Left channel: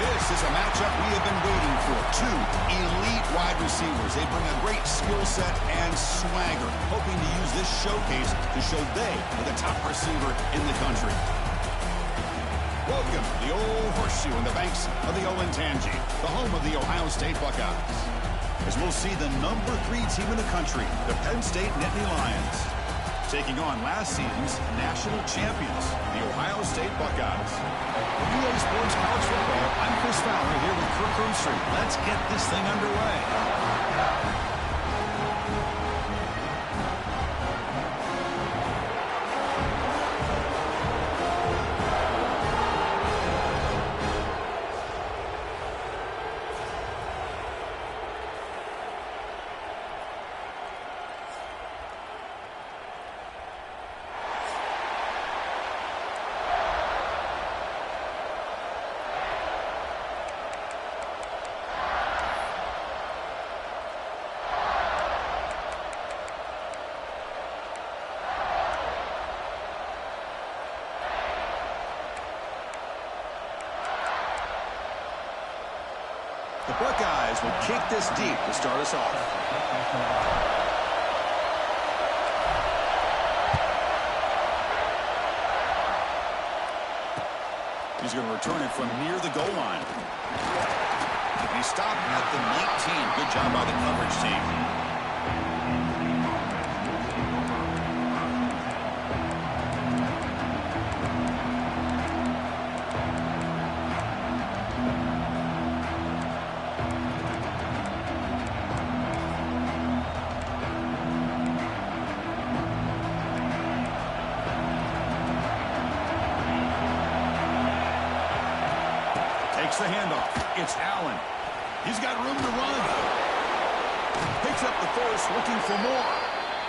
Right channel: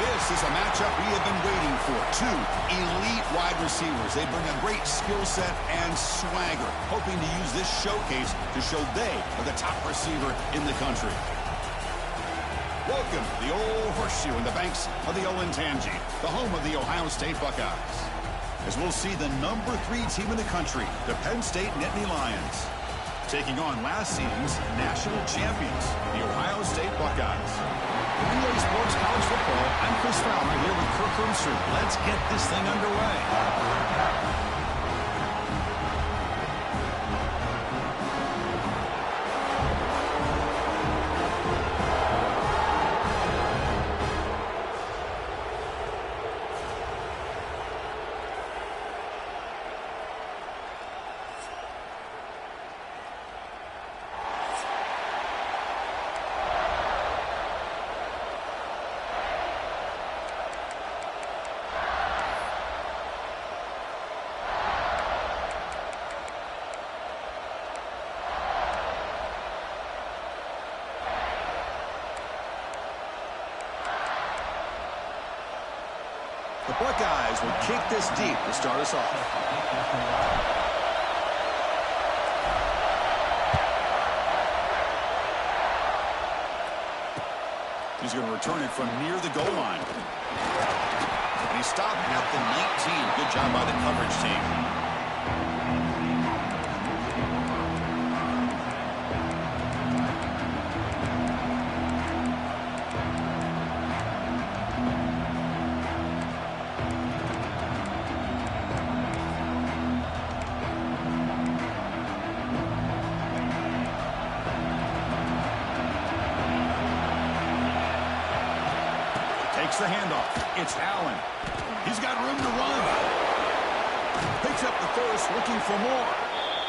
This is a matchup we have been waiting for. Two elite wide receivers. They bring a great skill set and swagger, hoping to use this showcase to show they are the top receiver in the country. Welcome to the Old Horseshoe in the banks of the Olentangy, the home of the Ohio State Buckeyes. As we'll see the number 3 team in the country, the Penn State Nittany Lions, taking on last season's national champions, the Ohio State Buckeyes. For EA Sports College Football, I'm Chris Fowler here with Kirk Herbstreit. Let's get this thing underway. The Buckeyes will kick this deep to start us off. He's going to return it from near the goal line. And he stopped at the 19. Good job by the coverage team. Takes the handoff. It's Allen. He's got room to run. Picks up the first, looking for more.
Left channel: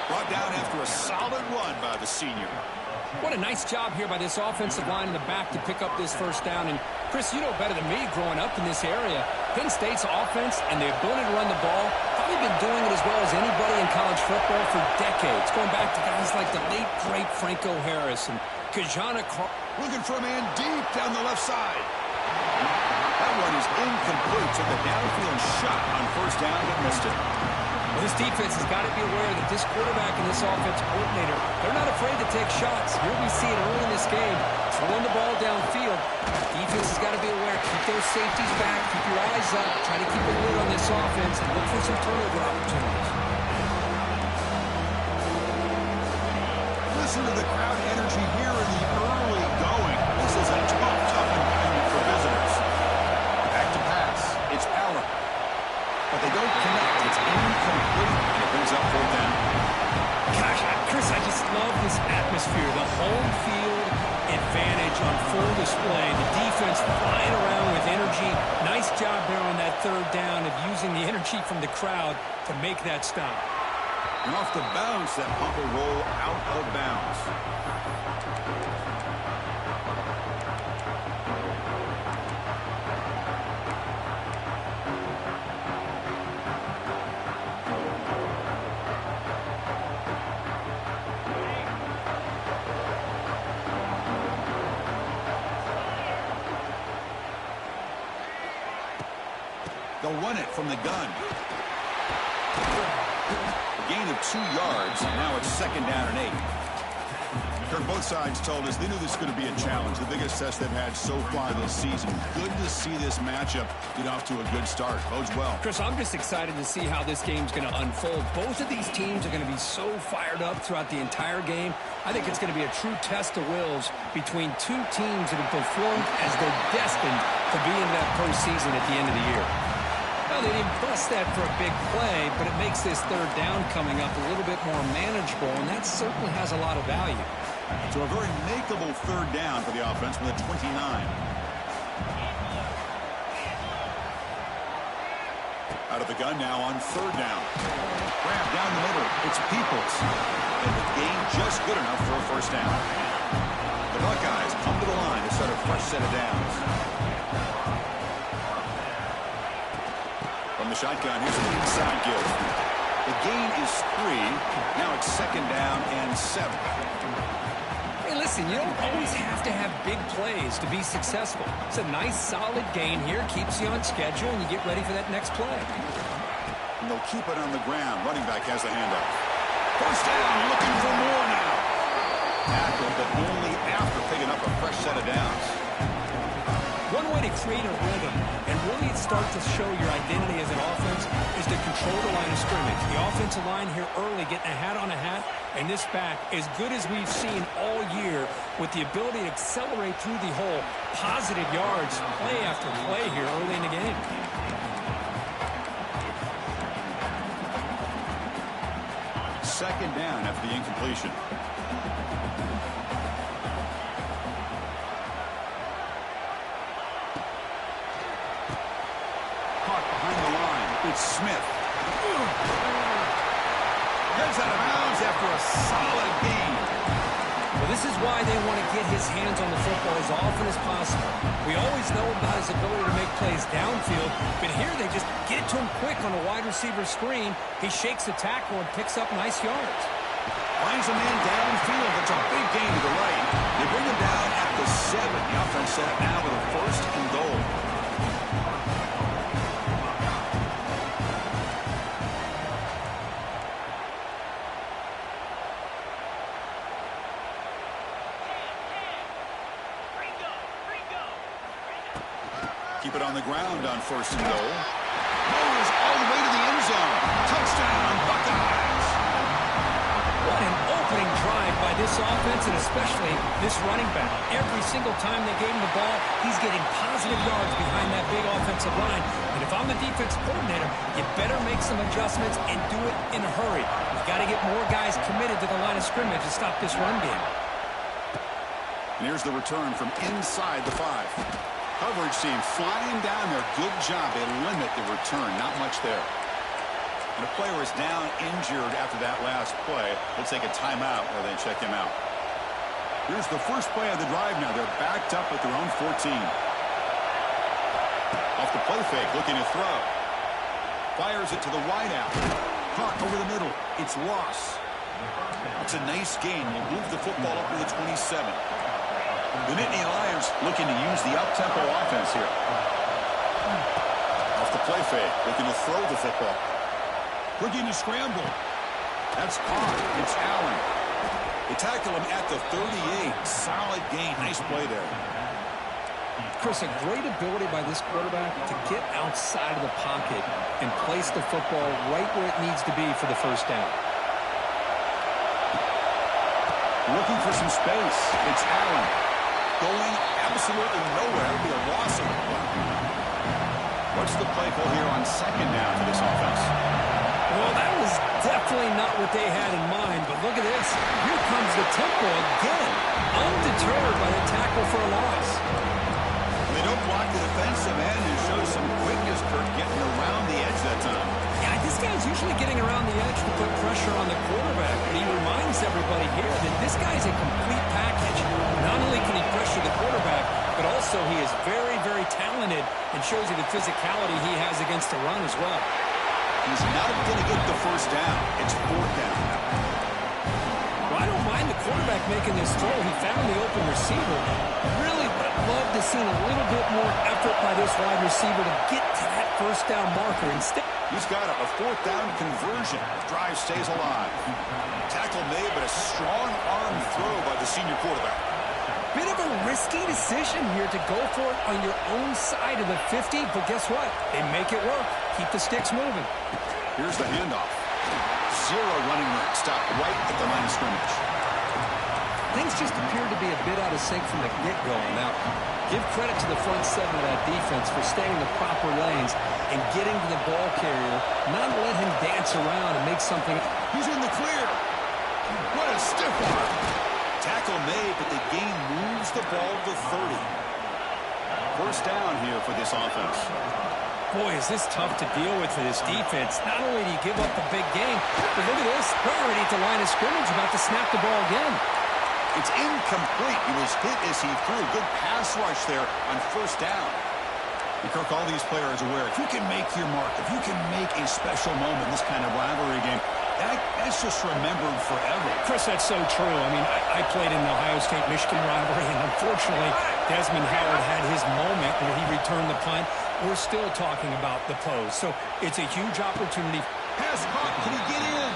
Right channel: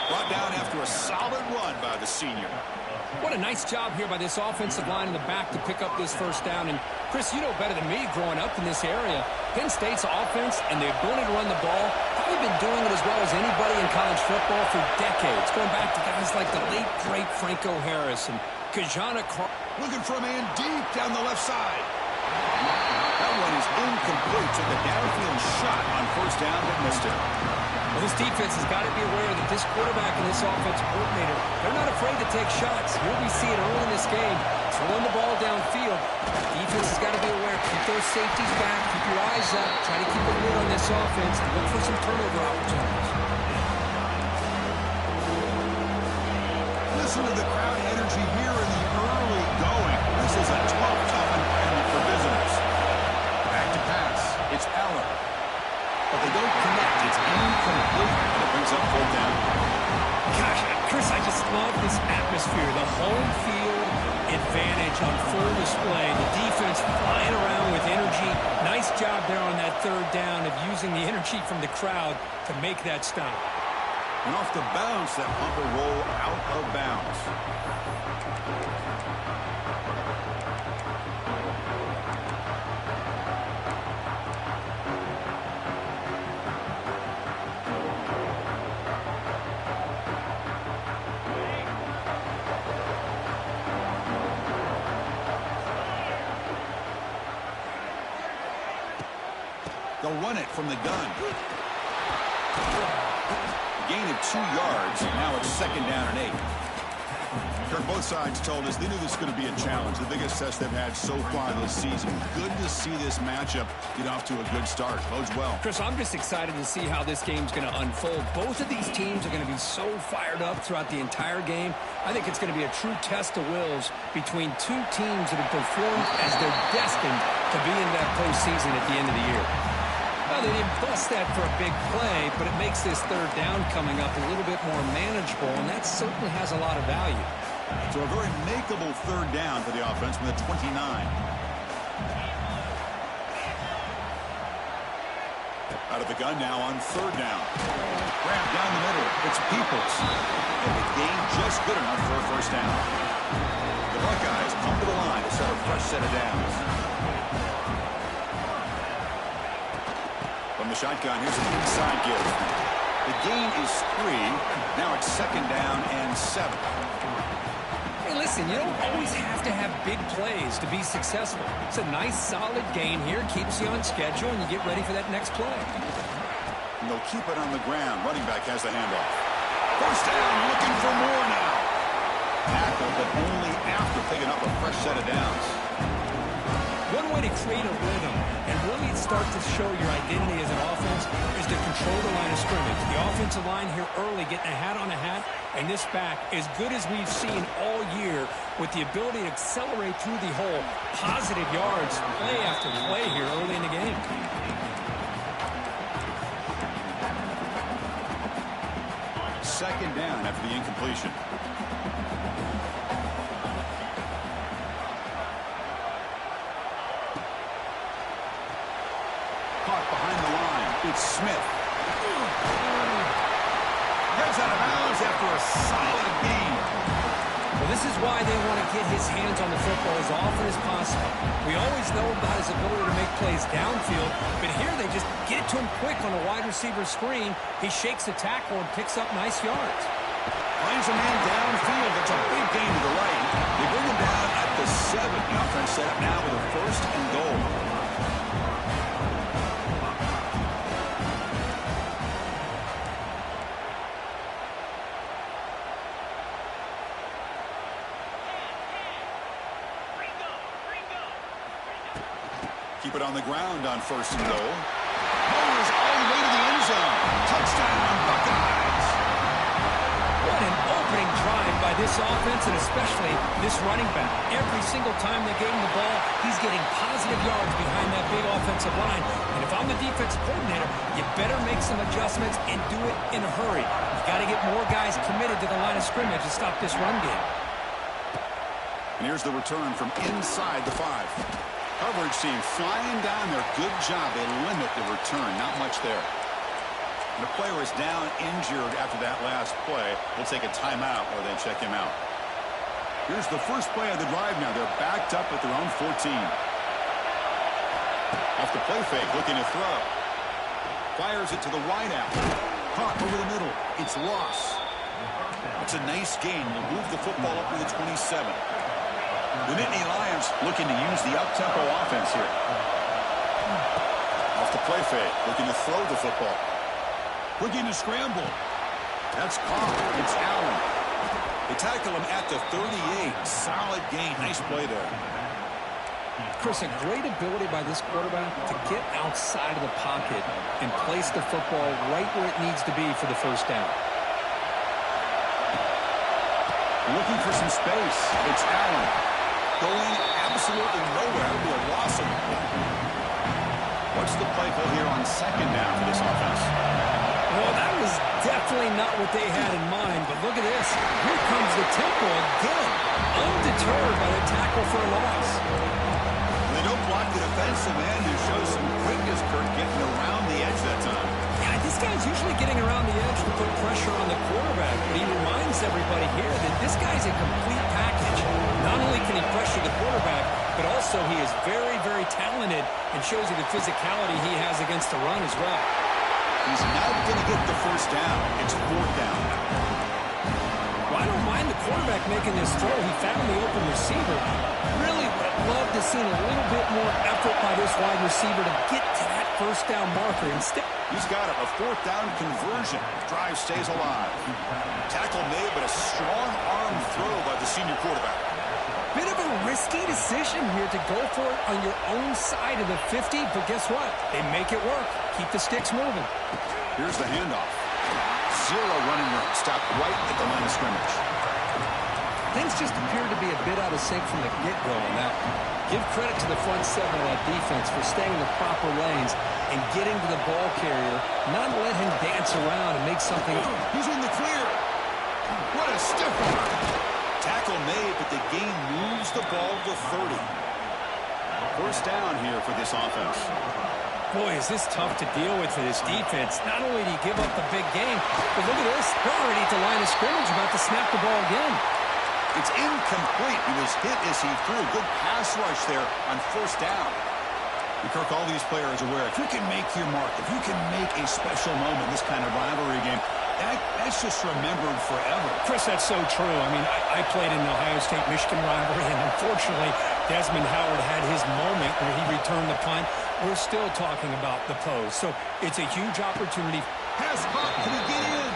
Brought down after a solid run by the senior. What a nice job here by this offensive line in the back to pick up this first down. And, Chris, you know better than me growing up in this area, Penn State's offense and the ability to run the ball, probably been doing it as well as anybody in college football for decades, going back to guys like the late, great Franco Harris and Kajana Carr. Looking for a man deep down the left side. That one is incomplete. Took a downfield shot on first down, but missed it. Well, this defense has got to be aware that this quarterback and this offensive coordinator, they're not afraid to take shots. Here we see it early in this game, throwing the ball downfield. Defense has got to be aware. Keep those safeties back. Keep your eyes up. Try to keep a lid on this offense and look for some turnover opportunities. Listen to the crowd energy here in the early going. This is a tough environment for visitors. Back to pass. It's Allen. But they don't connect. It's incomplete, and it brings up fourth down. Gosh, Chris, I just love this atmosphere. The home field advantage on full display. The defense flying around with energy. Nice job there on that third down of using the energy from the crowd to make that stop. And off the bounce, that pump will roll out of bounds. They'll run it from the gun. A gain of 2 yards. Now it's second down and 8. Kirk, both sides told us they knew this was going to be a challenge. The biggest test they've had so far this season. Good to see this matchup get off to a good start. Bodes well. Chris, I'm just excited to see how this game's going to unfold. Both of these teams are going to be so fired up throughout the entire game. I think it's going to be a true test of wills between two teams that have performed as they're destined to be in that postseason at the end of the year. Well, they didn't bust that for a big play, but it makes this third down coming up a little bit more manageable, and that certainly has a lot of value. So a very makeable third down for the offense with a 29. Out of the gun now on third down. Grab down the middle. It's Peoples. And the gain just good enough for a first down. The Buckeyes come to the line to set a fresh set of downs. From the shotgun, here's an inside give. The gain is 3. Now it's second down and 7. Hey, listen, you don't always have to have big plays to be successful. It's a nice, solid gain here, keeps you on schedule, and you get ready for that next play. And they'll keep it on the ground. Running back has the handoff. First down, looking for more now. Tackled, but only after picking up a fresh set of downs. One way to create a rhythm and really start to show your identity as an offense is to control the line of scrimmage. The offensive line here early getting a hat on a hat, and this back as good as we've seen all year with the ability to accelerate through the hole. Positive yards, play after play here early in the game. Second down after the incompletion. Caught behind the line. It's Smith. Heads out of bounds after a solid gain. Well, this is why they want to get his hands on the football as often as possible. We always know about his ability to make plays downfield, but here they just get it to him quick on a wide receiver screen. He shakes the tackle and picks up nice yards. Finds a man downfield. It's a big gain to the right. They bring him down at the 7. The offense set up now with a 1st and goal. Keep it on the ground on 1st and goal. Bowers all the way to the end zone. Touchdown, Buckeyes. What an opening drive by this offense, and especially this running back. Every single time they gave him the ball, he's getting positive yards behind that big offensive line. And if I'm the defense coordinator, you better make some adjustments and do it in a hurry. You got to get more guys committed to the line of scrimmage to stop this run game. And here's the return from inside the 5. Coverage team flying down there. Good job. They limit the return. Not much there. And a player is down injured after that last play. We'll take a timeout where they check him out. Here's the first play of the drive now. They're backed up at their own 14. Off the play fake, looking to throw. Fires it to the wideout. Caught over the middle. It's lost. It's a nice gain. Will move the football up to the 27. The Nittany Lions looking to use the up-tempo offense here. Off the play fake, looking to throw the football. Looking to scramble. That's caught. It's Allen. They tackle him at the 38. Solid gain. Nice play there. Chris, a great ability by this quarterback to get outside of the pocket and place the football right where it needs to be for the first down. Looking for some space. It's Allen. Going absolutely nowhere. That'll be a loss of the play. What's the play call here on 2nd down for this offense? Well, that was definitely not what they had in mind, but look at this. Here comes the tempo again, undeterred by the tackle for a loss. They don't block the defensive end and show some quickness, Kirk, getting around the edge that time. Yeah, this guy's usually getting around the edge to put pressure on the quarterback, but he reminds everybody here that this guy's a complete package. Not only can he pressure the quarterback, but also he is very, very talented and shows you the physicality he has against the run as well. He's not going to get the first down. It's 4th down now. Well, I don't mind the quarterback making this throw. He found the open receiver. Really would have loved to see a little bit more effort by this wide receiver to get to that first down marker. Instead, he's got a 4th down conversion. Drive stays alive. Tackle made, but a strong arm throw by the senior quarterback. Bit of a risky decision here to go for it on your own side of the 50, but guess what? They make it work. Keep the sticks moving. Here's the handoff. 0 running room. Stopped right at the line of scrimmage. Things just appeared to be a bit out of sync from the get-go. Now, give credit to the front 7 of that defense for staying in the proper lanes and getting to the ball carrier, not let him dance around and make something. He's in the clear. What a stiff arm. Tackle made, but the gain moves the ball to 30. First down here for this offense. Boy, is this tough to deal with for this defense. Not only do you give up the big game, but look at this. They're already at the line of scrimmage, about to snap the ball again. It's incomplete. He was hit as he threw. Good pass rush there on first down. And Kirk, all these players are aware, if you can make your mark, if you can make a special moment in this kind of rivalry game, That's just remembered forever. Chris, that's so true. I mean, I played in the Ohio State-Michigan rivalry, and unfortunately, Desmond Howard had his moment where he returned the punt. We're still talking about the pose. So it's a huge opportunity. Pass caught. Can he get in?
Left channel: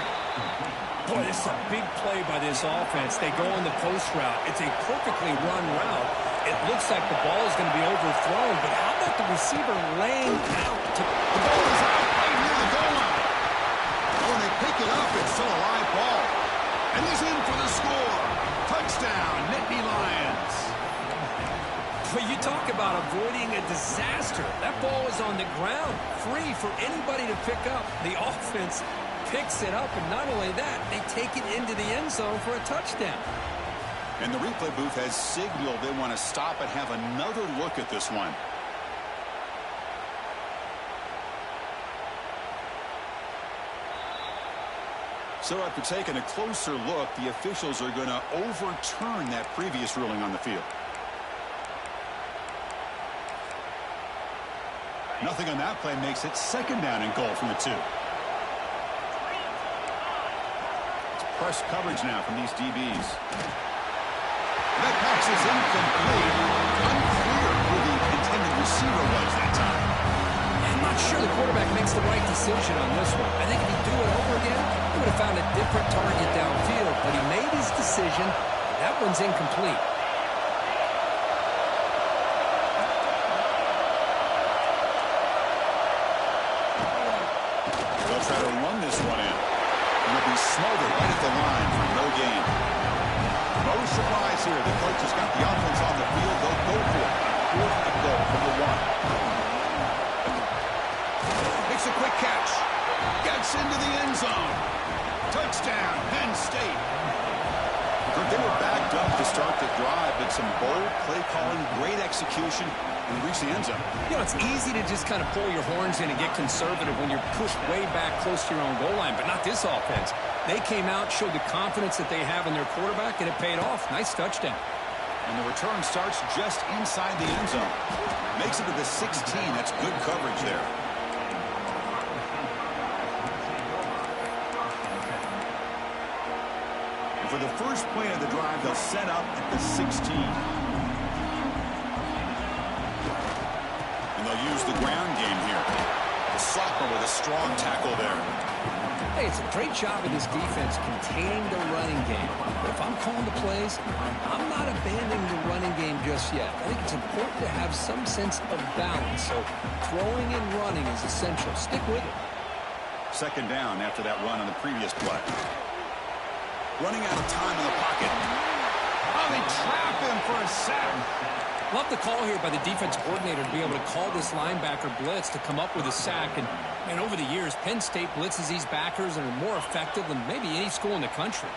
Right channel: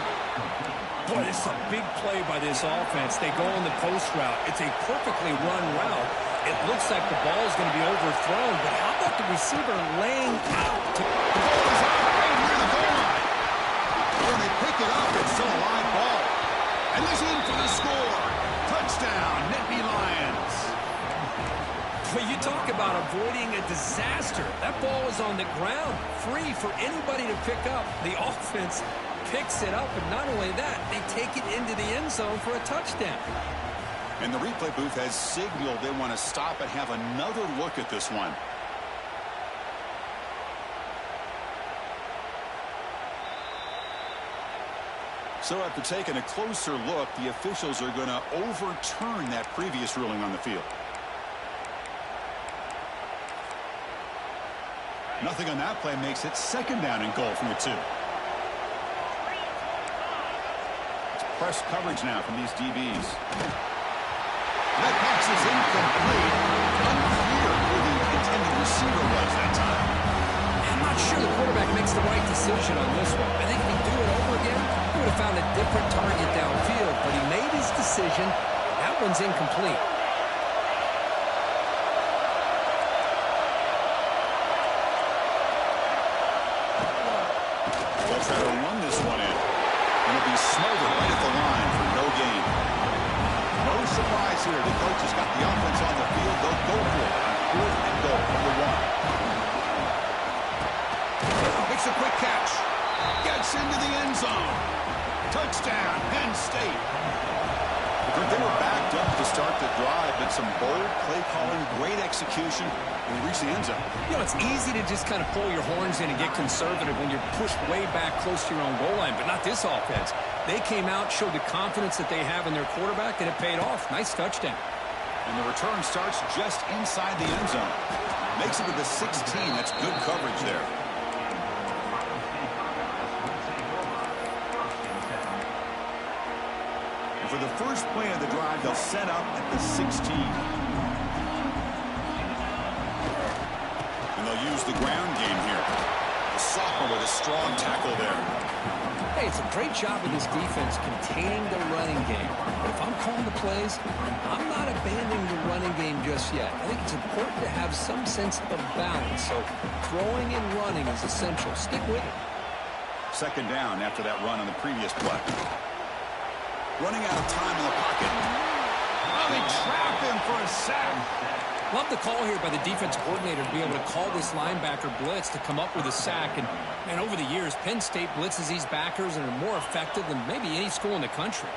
Boy, this is a big play by this offense. They go on the post route. It's a perfectly run route. It looks like the ball is going to be overthrown, but how about the receiver laying out? The ball is out right near the goal line. When they pick it up, it's still a live ball. And he's in for the score. Touchdown, Nittany Lions. But you talk about avoiding a disaster. That ball is on the ground, free for anybody to pick up. The offense picks it up, and not only that, they take it into the end zone for a touchdown. And the replay booth has signaled they want to stop and have another look at this one. So after taking a closer look, the officials are going to overturn that previous ruling on the field. Nothing on that play makes it second down and goal from the 2. It's press coverage now from these DBs. That pass is incomplete. Unclear who the intended receiver was that time. I'm not sure the quarterback makes the right decision on this one. I think if he'd do it over again, he would have found a different target downfield. But he made his decision. That one's incomplete. They'll try to run this one in. And it'll be smothered right at the line for no gain. No surprise here. The coach has got the offense on the field. They'll go for it on 4th and goal from the 1. Makes a quick catch. Gets into the end zone. Touchdown, Penn State. They were backed up to start the drive, but some bold play calling, great execution, and they reached the end zone. You know, it's easy to just kind of pull your horns in and get conservative when you're pushed way back close to your own goal line, but not this offense. They came out, showed the confidence that they have in their quarterback, and it paid off. Nice touchdown. And the return starts just inside the end zone. Makes it to the 16. That's good coverage there. And for the first play of the drive, they'll set up at the 16. And they'll use the ground game here. The sophomore with a strong tackle there. Hey, it's a great job of this defense containing the running game. But if I'm calling the plays, I'm not abandoning the running game just yet. I think it's important to have some sense of balance. So throwing and running is essential. Stick with it. Second down after that run on the previous play. Running out of time in the pocket. Oh, they trap him for a sack. Love the call here by the defense coordinator to be able to call this linebacker blitz to come up with a sack. And over the years, Penn State blitzes these backers and are more effective than maybe any school in the country.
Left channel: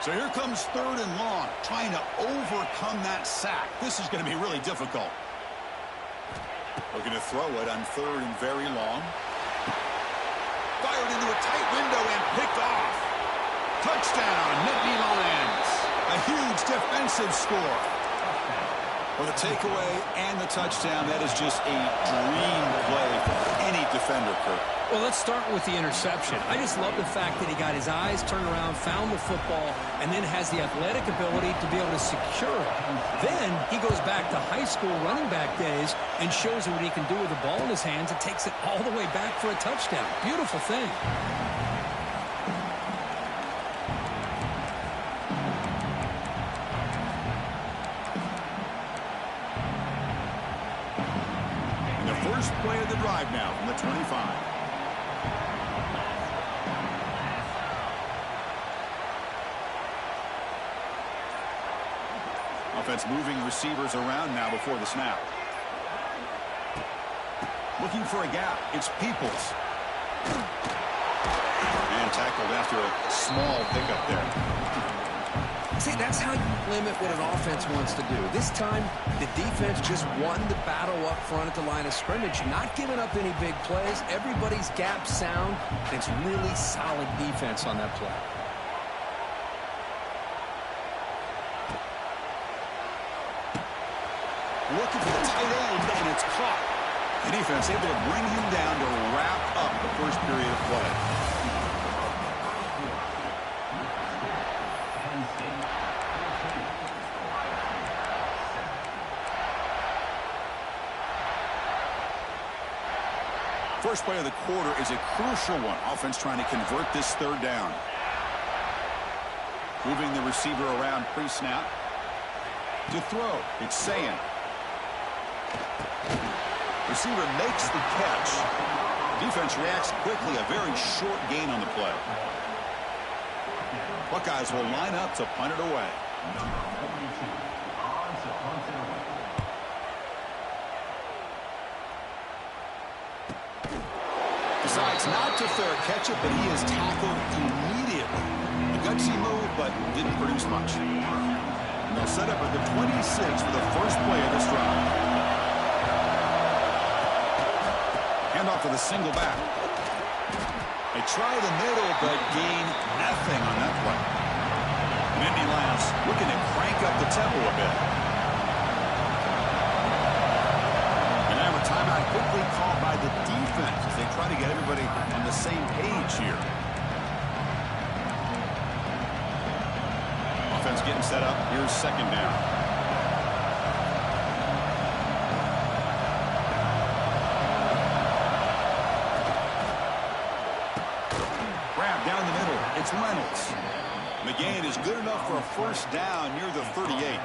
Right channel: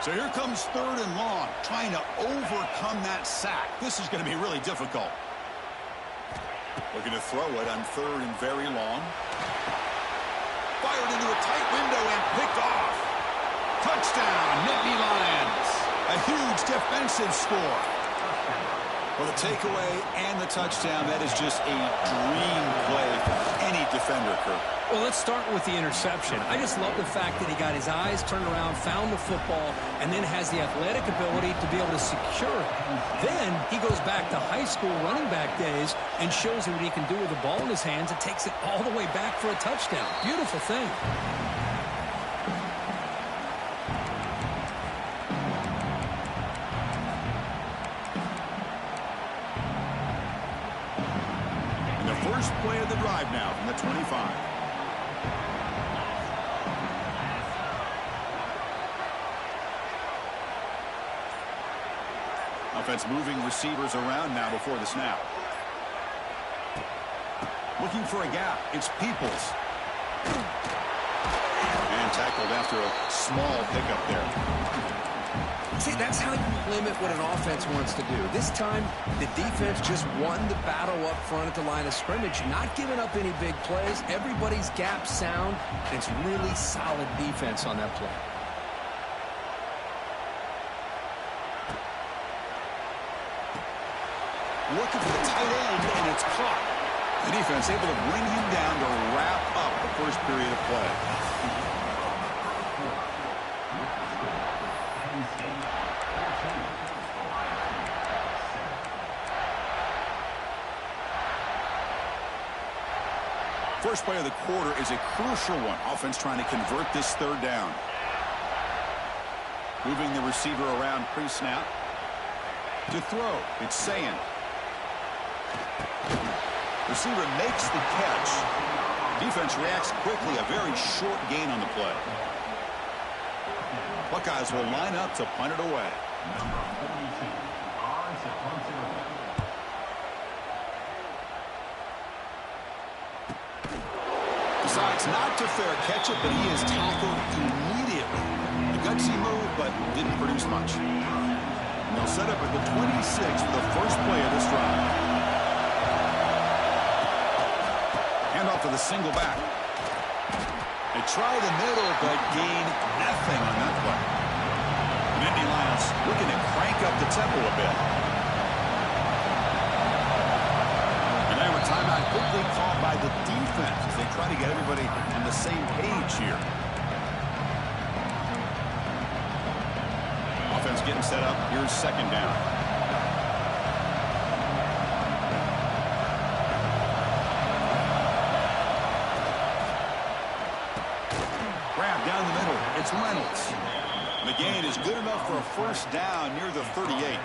So here comes 3rd and long, trying to overcome that sack. This is going to be really difficult. Looking to throw it on 3rd and very long. Fired into a tight window and picked off. Touchdown, Nittany Lions. A huge defensive score. Well, the takeaway and the touchdown, that is just a dream play for any defender, Kirk. Well, let's start with the interception. I just love the fact that he got his eyes turned around, found the football, and then has the athletic ability to be able to secure it. Then he goes back to high school running back days and shows you what he can do with the ball in his hands and takes it all the way back for a touchdown. Beautiful thing. First play of the drive now from the 25. Offense moving receivers around now before the snap. Looking for a gap. It's Peoples. And tackled after a small pickup there. See, that's how you limit what an offense wants to do. This time, the defense just won the battle up front at the line of scrimmage, not giving up any big plays. Everybody's gap sound, and it's really solid defense on that play. Looking for the tight end, and it's caught. The defense able to bring him down to wrap up the first period of play. First play of the quarter is a crucial one. Offense trying to convert this third down. Moving the receiver around pre-snap. To throw, it's Sayin. Receiver makes the catch. Defense reacts quickly. A very short gain on the play. Buckeyes will line up to punt it away. Decides not to fair catch it, but he is tackled immediately. A gutsy move, but didn't produce much. And they'll set up at the 26 for the first play of this drive. Handoff to the single back. They try the middle, but gain nothing on that play. And Nittany Lions looking to crank up the tempo a bit. And now a timeout quickly called by the defense as they try to get everybody on the same page here. Offense getting set up. Here's second down. Grab down the middle. It's Reynolds. The gain is good enough for a first down near the 38.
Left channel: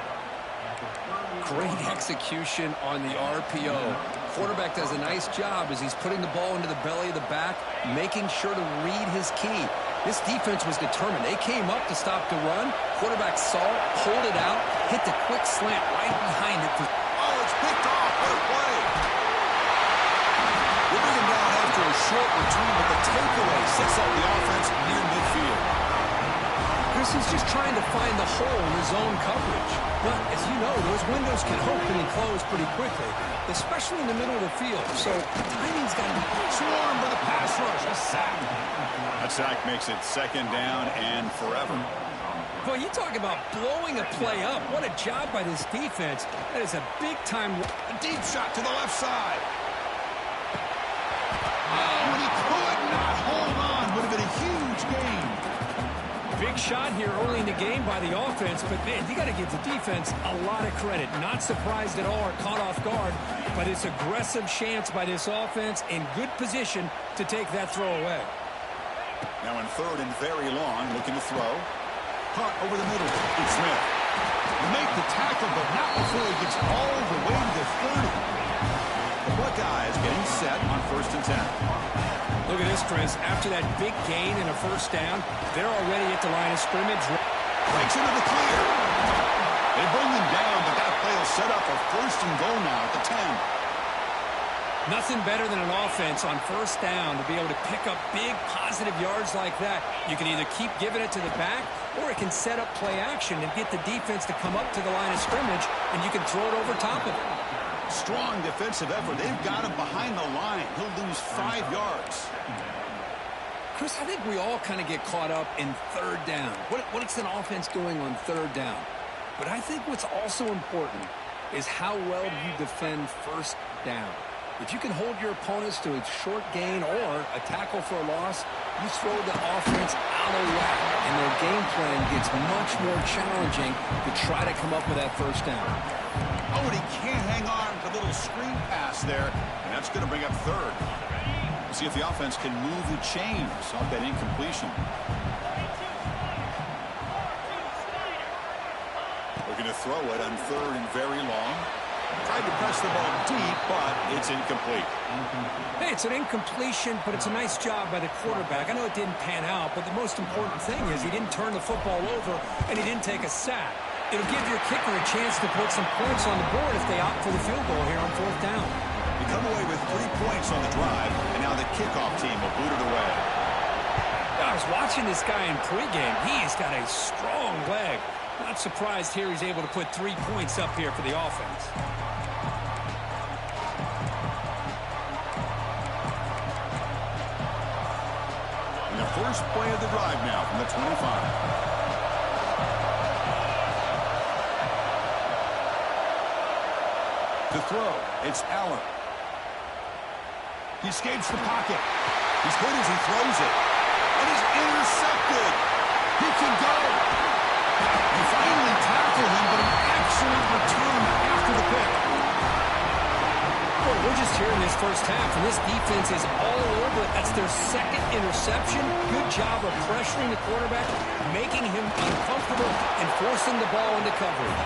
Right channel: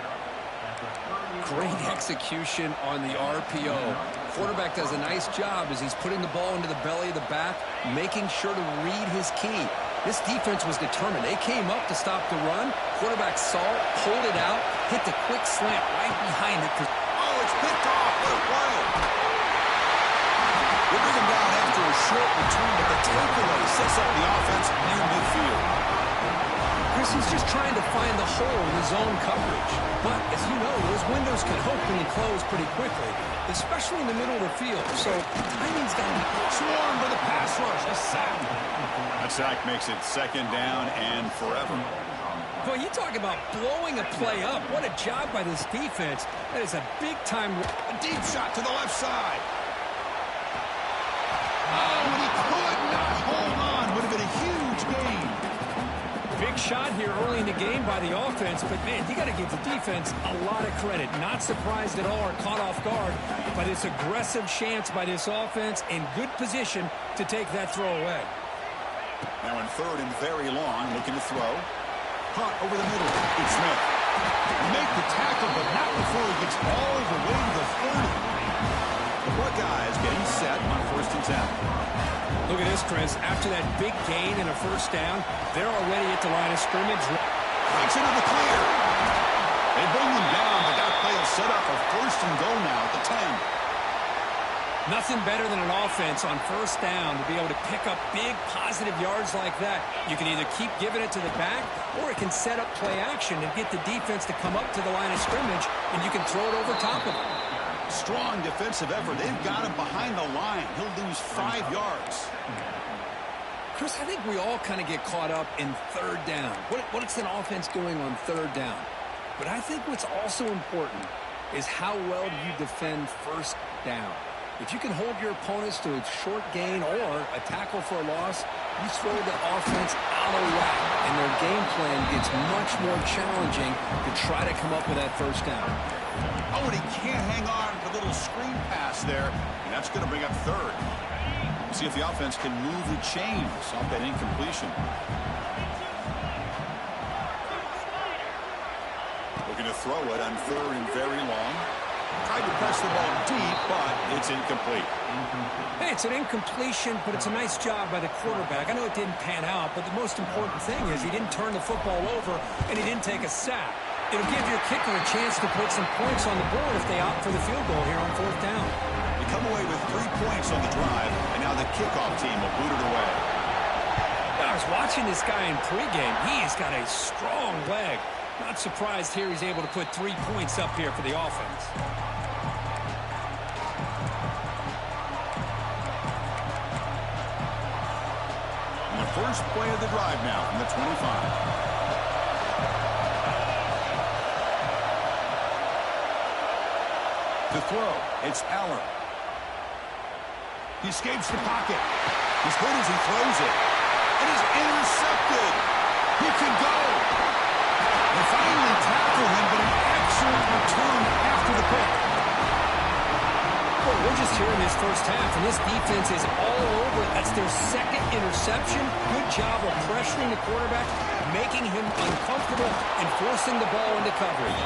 Great execution on the RPO. Quarterback does a nice job as he's putting the ball into the belly of the back, making sure to read his key. This defense was determined. They came up to stop the run. Quarterback saw it, pulled it out, hit the quick slant right behind it. Oh, it's picked off. What a play. They bring him down after a short return, but the takeaway sets up the offense near midfield. Chris, he's just trying to find the hole in his own coverage. But, as you know, those windows can open and close pretty quickly, especially in the middle of the field. So, timing's got to be swarmed by the pass rush. A sack. That sack makes it second down and forever. Boy, you talk about blowing a play up. What a job by this defense. That is a big-time... A deep shot to the left side. Oh, and he could not hold on. Would have been a huge gain. Big shot here early in the game by the offense, but, man, you got to give the defense a lot of credit. Not surprised at all or caught off guard, but it's aggressive chance by this offense in good position to take that throw away. Now in third and very long, looking to throw. Hunt over the middle. It's Smith. Make the tackle, but not before he gets all the way to the 30. The Buckeyes getting set on 1st and 10. Look at this, Chris. After that big gain and a first down, they're already at the line of scrimmage. Breaks into the clear. They bring them down, but that play will set up a 1st and goal now at the 10. Nothing better than an offense on first down to be able to pick up big positive yards like that. You can either keep giving it to the back, or it can set up play action and get the defense to come up to the line of scrimmage, and you can throw it over top of it. Strong defensive effort. They've got him behind the line. He'll lose 5 yards. Chris, I think we all kind of get caught up in third down. What's an offense doing on third down? But I think what's also important is how well do you defend first down. If you can hold your opponents to a short gain or a tackle for a loss, you throw the offense out of whack, and their game plan gets much more challenging to try to come up with that first down. Oh, and he can't hang on to a little screen pass there, and that's going to bring up third. We'll see if the offense can move the chains off that incompletion. Looking to throw it on third and very long. Tried to press the ball deep, but it's incomplete. Hey, it's an incompletion, but it's a nice job by the quarterback. I know it didn't pan out, but the most important thing is he didn't turn the football over, and he didn't take a sack. It'll give your kicker a chance to put some points on the board if they opt for the field goal here on 4th down. They come away with 3 points on the drive, and now the kickoff team will boot it away. I was watching this guy in pregame. He's got a strong leg. Not surprised here he's able to put 3 points up here for the offense. And the first play of the drive now from the 25. To throw, it's Allen. He escapes the pocket. He's hit as he throws it. It is intercepted. He can go. They finally tackle him, but an excellent return after the pick. Boy, what We're just here in this first half, and this defense is all over it. That's their second interception. Good job of pressuring the quarterback, making him uncomfortable, and forcing the ball into coverage.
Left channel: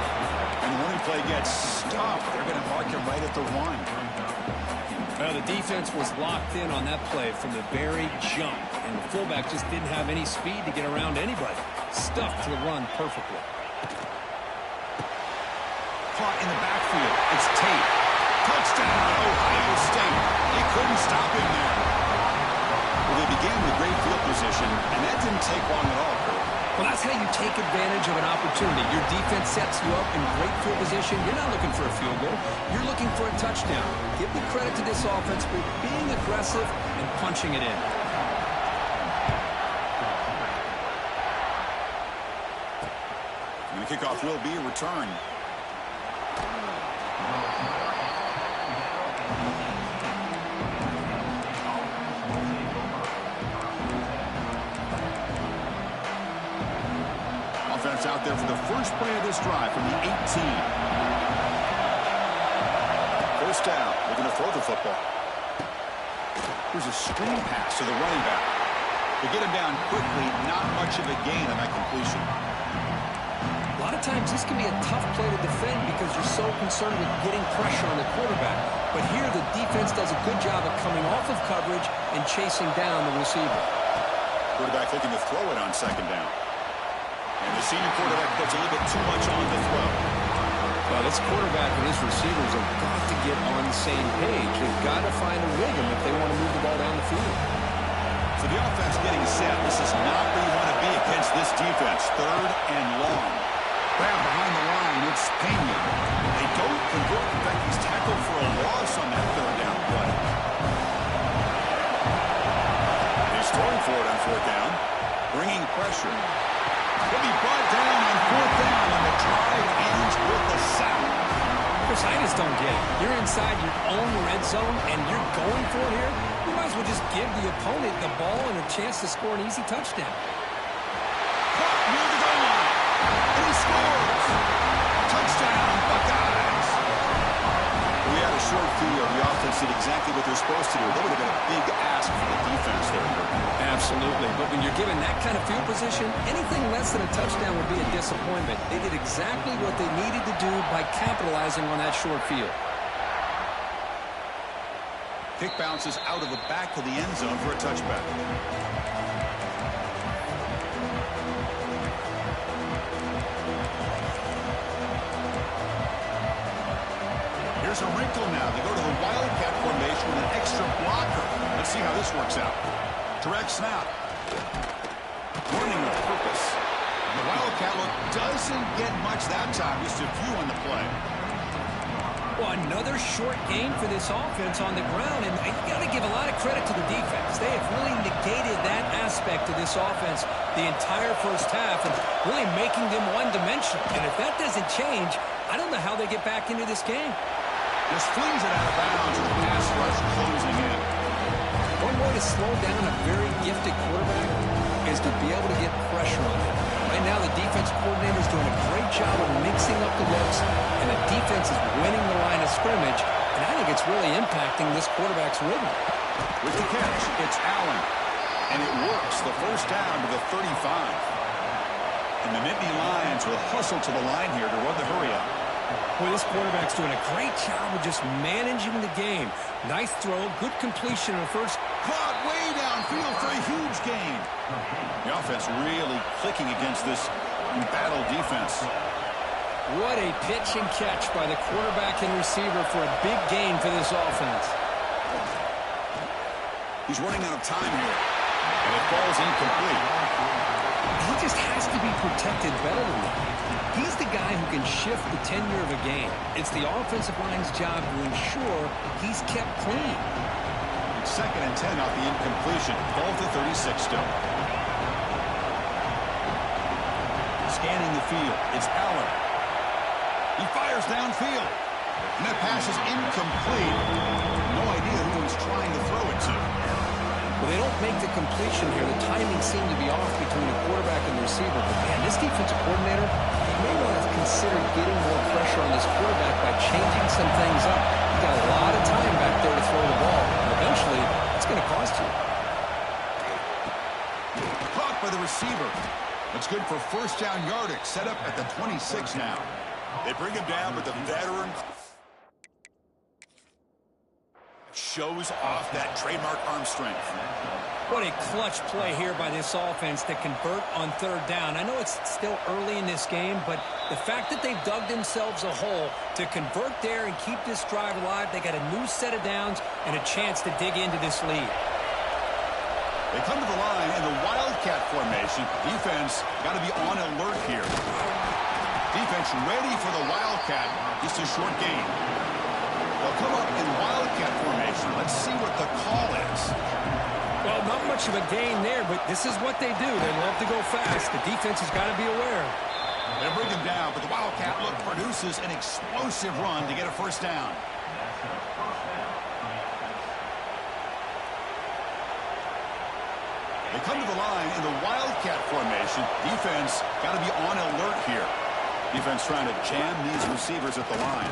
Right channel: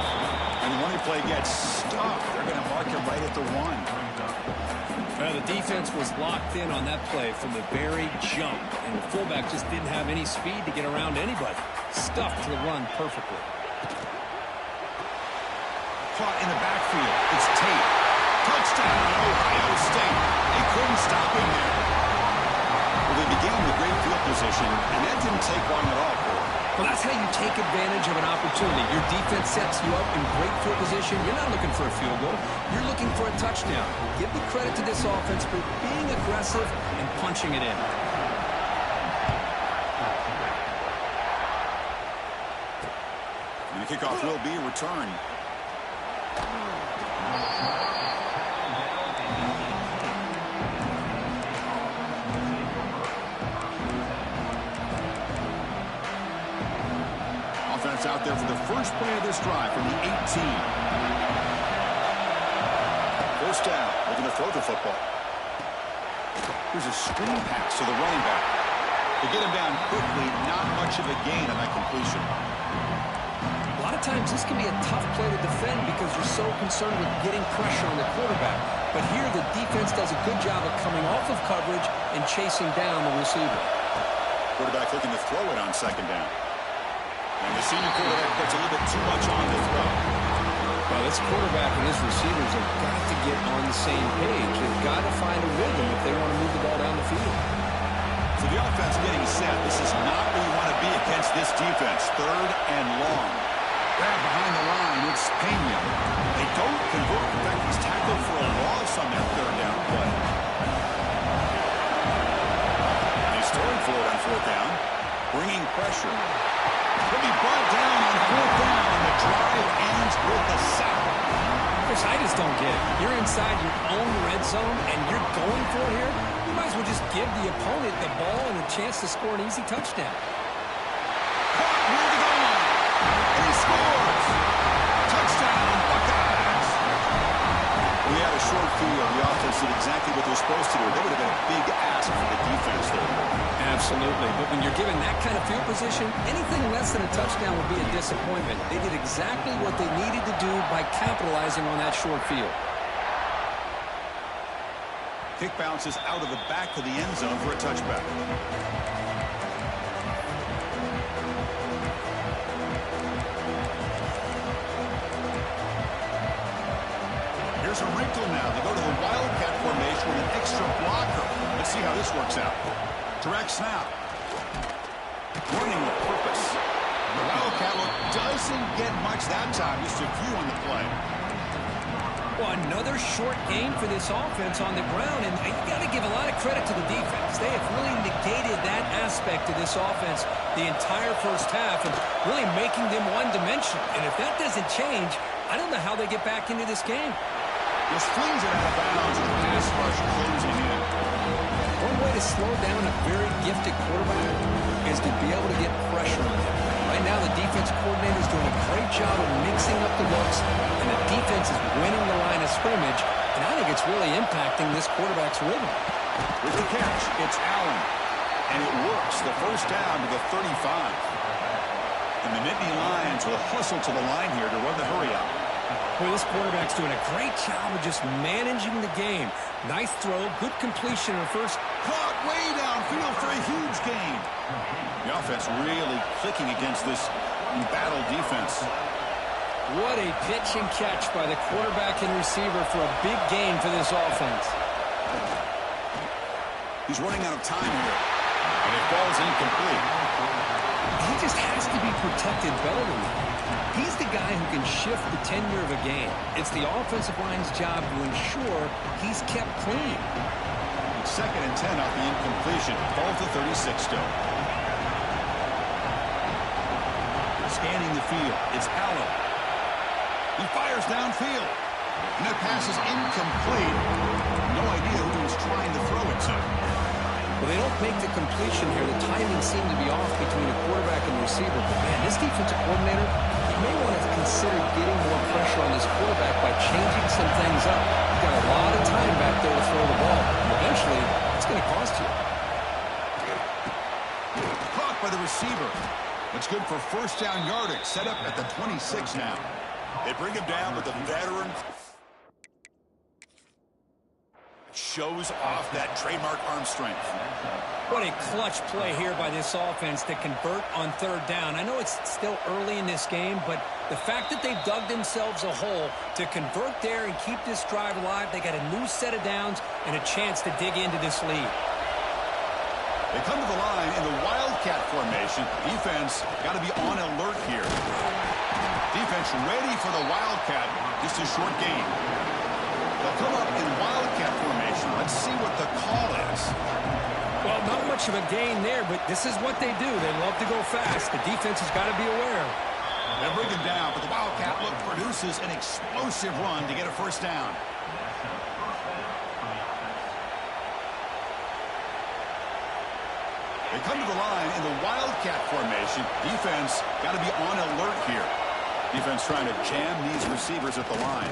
And when he play gets stuffed, they're going to mark him right at the 1. The defense was locked in on that play from the very jump, and the fullback just didn't have any speed to get around anybody. Stuffed the run perfectly. Caught in the backfield. It's Tate. Touchdown, Ohio State. They couldn't stop him there. Well, they began with great field position, and that didn't take long at all, Kurt. Well, that's how you take advantage of an opportunity. Your defense sets you up in great field position. You're not looking for a field goal. You're looking for a touchdown. Give the credit to this offense for being aggressive and punching it in. And the kickoff will be a return. Offense out there for the first play of this drive from the 18. First down, looking to throw the football. Here's a screen pass to the running back. To get him down quickly, not much of a gain on that completion. A lot of times this can be a tough play to defend because you're so concerned with getting pressure on the quarterback. But here the defense does a good job of coming off of coverage and chasing down the receiver. Quarterback looking to throw it on second down. And the senior quarterback puts a little bit too much on the throw. Well, this quarterback and his receivers have got to get on the same page. They've got to find a rhythm if they want to move the ball down the field. So the offense getting set. This is not where you want to be against this defense. Third and long. Grab behind the line. It's Penn. They don't convert. In fact, he's tackled for a loss on that third down play. And he's throwing for it on fourth down. Bringing pressure. He'll be brought down on fourth down, and the drive ends with a sack. Chris, I just don't get it. You're inside your own red zone, and you're going for it here? You might as well just give the opponent the ball and a chance to score an easy touchdown. Caught near the goal line, and he scores. Touchdown, Buckeyes. We had a short field. The offense did exactly what they're supposed to do. That would have been a big ask for the defense there. Absolutely. But when you're given that kind of field position, anything less than a touchdown would be a disappointment. They did exactly what they needed to do by capitalizing on that short field. Kick bounces out of the back of the end zone for a touchback. Here's a wrinkle now. They go to the Wildcat formation with an extra blocker. Let's see how this works out. Direct snap. Running with purpose. The Wildcat look doesn't get much that time. Just a few on the play. Well, another short gain for this offense on the ground, and you got to give a lot of credit to the defense. They have really negated that aspect of this offense the entire first half and really making them one-dimensional. And if that doesn't change, I don't know how they get back into this game. Just flings it out of bounds with pass rush closing in. One way to slow down a very gifted quarterback is to be able to get pressure on him. Right now, the defense coordinator is doing a great job of mixing up the looks, and the defense is winning the line of scrimmage, and I think it's really impacting this quarterback's rhythm. With the catch, it's Allen, and it works. The first down to the 35. And the Nittany Lions will hustle to the line here to run the hurry-up. Boy, this quarterback's doing a great job of just managing the game. Nice throw, good completion in the first. Caught way downfield for a huge gain. The offense really clicking against this embattled defense. What a pitch and catch by the quarterback and receiver for a big gain for this offense. He's running out of time here, and it falls incomplete. He just has to be protected better than that. He's the guy who can shift the tenure of a game. It's the offensive line's job to ensure he's kept clean. Second and 10 off the incompletion. Ball to 36 still. Scanning the field. It's Allen. He fires downfield. And that pass is incomplete. No idea who he was trying to throw it to. Well, they don't make the completion here. The timing seemed to be off between a quarterback and the receiver. But, man, this defensive coordinator, he may want to consider getting more pressure on this quarterback by changing some things up. He's got a lot of time back there to throw the ball. And eventually, it's going to cost you. Caught by the receiver. That's good for first down yardage. Set up at the 26 now. They bring him down with the veteran. Shows off that trademark arm strength. What a clutch play here by this offense to convert on third down. I know it's still early in this game, but the fact that they've dug themselves a hole to convert there and keep this drive alive, they got a new set of downs and a chance to dig into this lead. They come to the line in the Wildcat formation. Defense got to be on alert here. Defense ready for the Wildcat. Just a short gain. They'll come up in Wildcat formation. Let's see what the call is. Well, not much of a gain there, but this is what they do. They love to go fast. The defense has got to be aware. They bring him down, but the Wildcat look produces an explosive run to get a first down. They come to the line in the Wildcat formation. Defense got to be on alert here. Defense trying to jam these receivers at the line.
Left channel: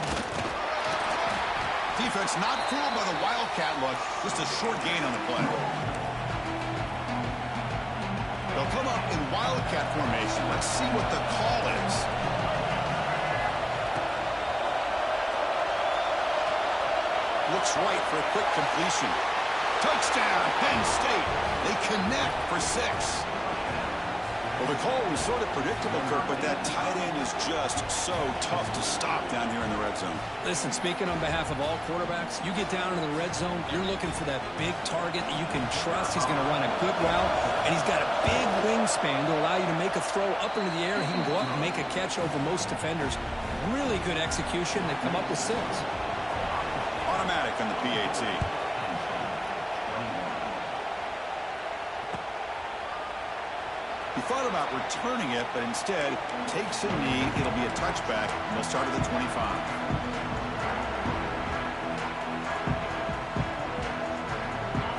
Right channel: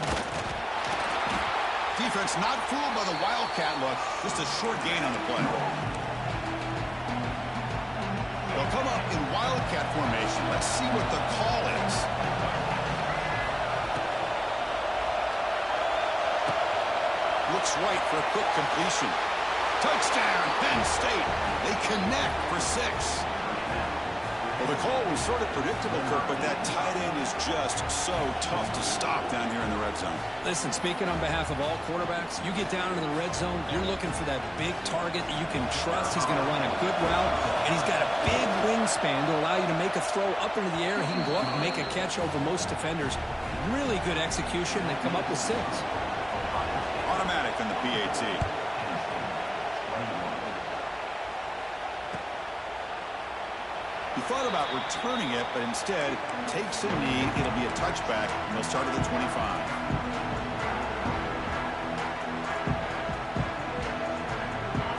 Defense not fooled by the Wildcat look. Just a short gain on the play. They'll come up in Wildcat formation. Let's see what the call is. Looks right for a quick completion. Touchdown, Penn State. They connect for 6. Well, the call was sort of predictable, Kirk, but that tight end is just so tough to stop down here in the red zone. Listen, speaking on behalf of all quarterbacks, you get down into the red zone, you're looking for that big target that you can trust. He's going to run a good route, and he's got a big wingspan to allow you to make a throw up into the air. He can go up and make a catch over most defenders. Really good execution. They come up with 6. Automatic on the PAT. He thought about returning it, but instead takes a knee. It'll be a touchback, and they'll start at the 25.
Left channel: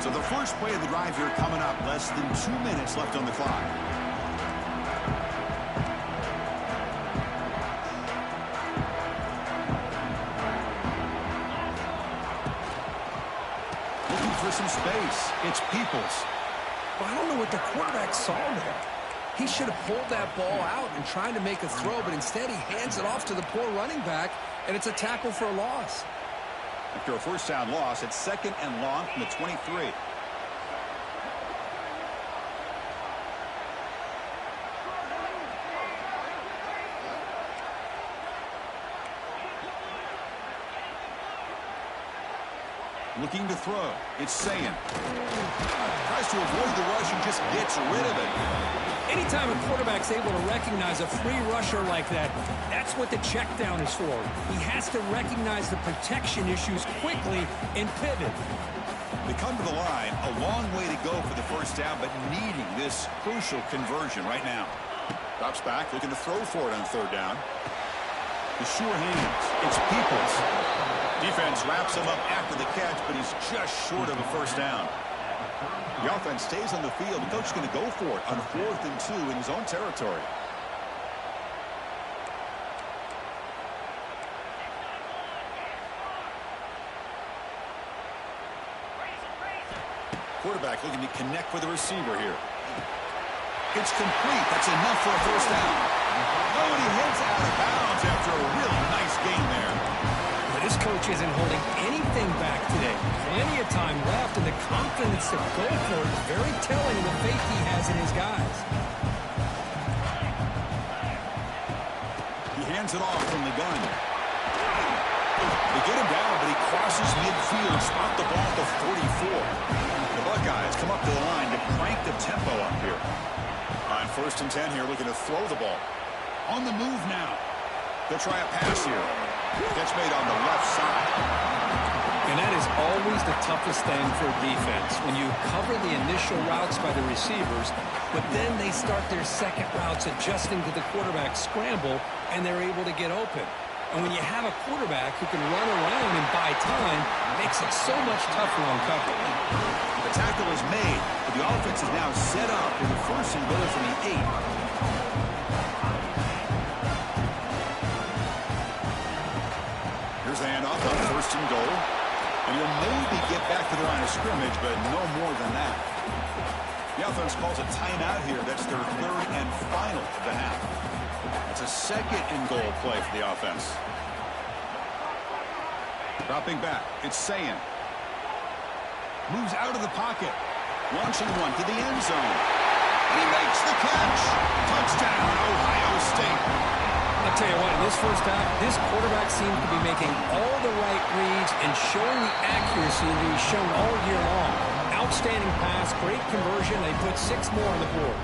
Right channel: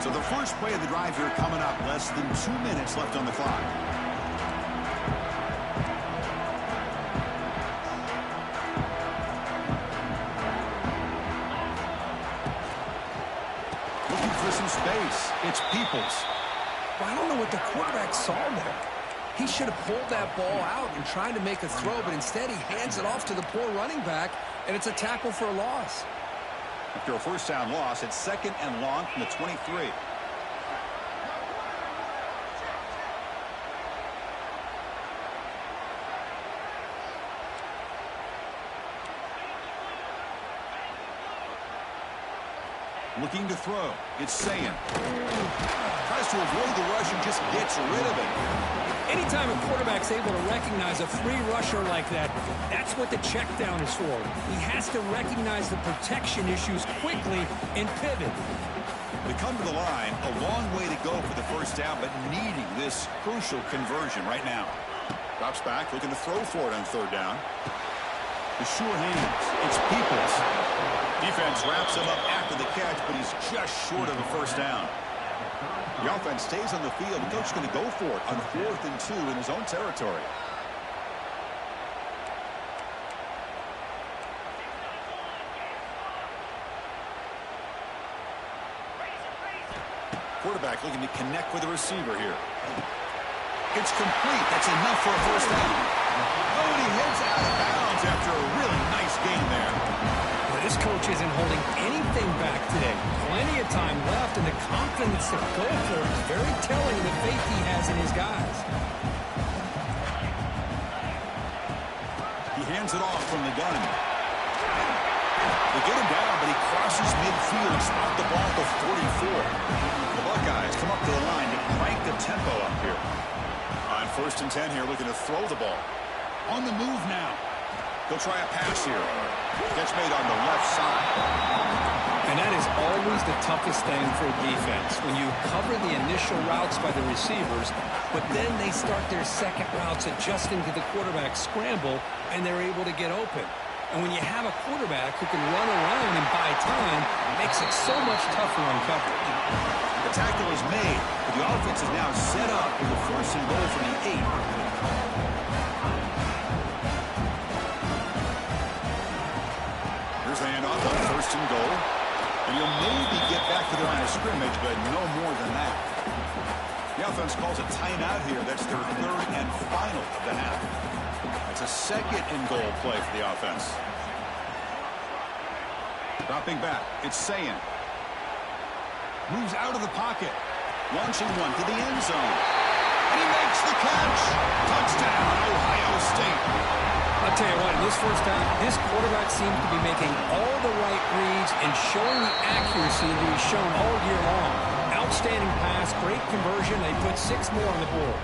So the first play of the drive here coming up. Less than 2 minutes left on the clock. Looking for some space. It's Peoples. Well, I don't know what the quarterback saw there. He should have pulled that ball out and tried to make a throw, but instead he hands it off to the poor running back, and it's a tackle for a loss. After a first down loss, it's 2nd and long from the 23. Looking to throw. It's Sayan. Tries to avoid the rush and just gets rid of it. Anytime a quarterback's able to recognize a free rusher like that, that's what the check down is for. He has to recognize the protection issues quickly and pivot. They come to the line, a long way to go for the first down, but needing this crucial conversion right now. Drops back, looking to throw for it on third down. The sure hands. It's Peoples. Defense wraps him up after the catch, but he's just short of a first down. The offense stays on the field. The coach is going to go for it on 4th and 2 in his own territory. Quarterback looking to connect with the receiver here. It's complete. That's enough for a first down. Oh, and he heads out of bounds after a really nice gain there. Well, this coach isn't holding anything back today. Plenty of time left, and the confidence to go for it is very telling of the faith he has in his guys. He hands it off from the gun. They get him down, but he crosses midfield, spot the ball at the 44. The Buckeyes come up to the line to crank the tempo up here. On 1st and 10 here, looking to throw the ball. On the move now. He'll try a pass here. Catch made on the left side. And that is always the toughest thing for a defense, when you cover the initial routes by the receivers, but then they start their second routes adjusting to the quarterback scramble, and they're able to get open. And when you have a quarterback who can run around and buy time, it makes it so much tougher on coverage. The tackle is made, but the offense is now set up with a 1st and goal from the 8. Here's the handoff on 1st and goal. And you'll maybe get back to the line of scrimmage, but no more than that. The offense calls a timeout here. That's their 3rd and final of the half. That's a 2nd and goal play for the offense. Dropping back, it's Sayin. Moves out of the pocket. Launching one to the end zone. And he makes the catch. Touchdown, Ohio State. I'll tell you what, in this first half, this quarterback seems to be making all the right reads and showing the accuracy that he's shown all year long. Outstanding pass, great conversion. They put 6 more on the board.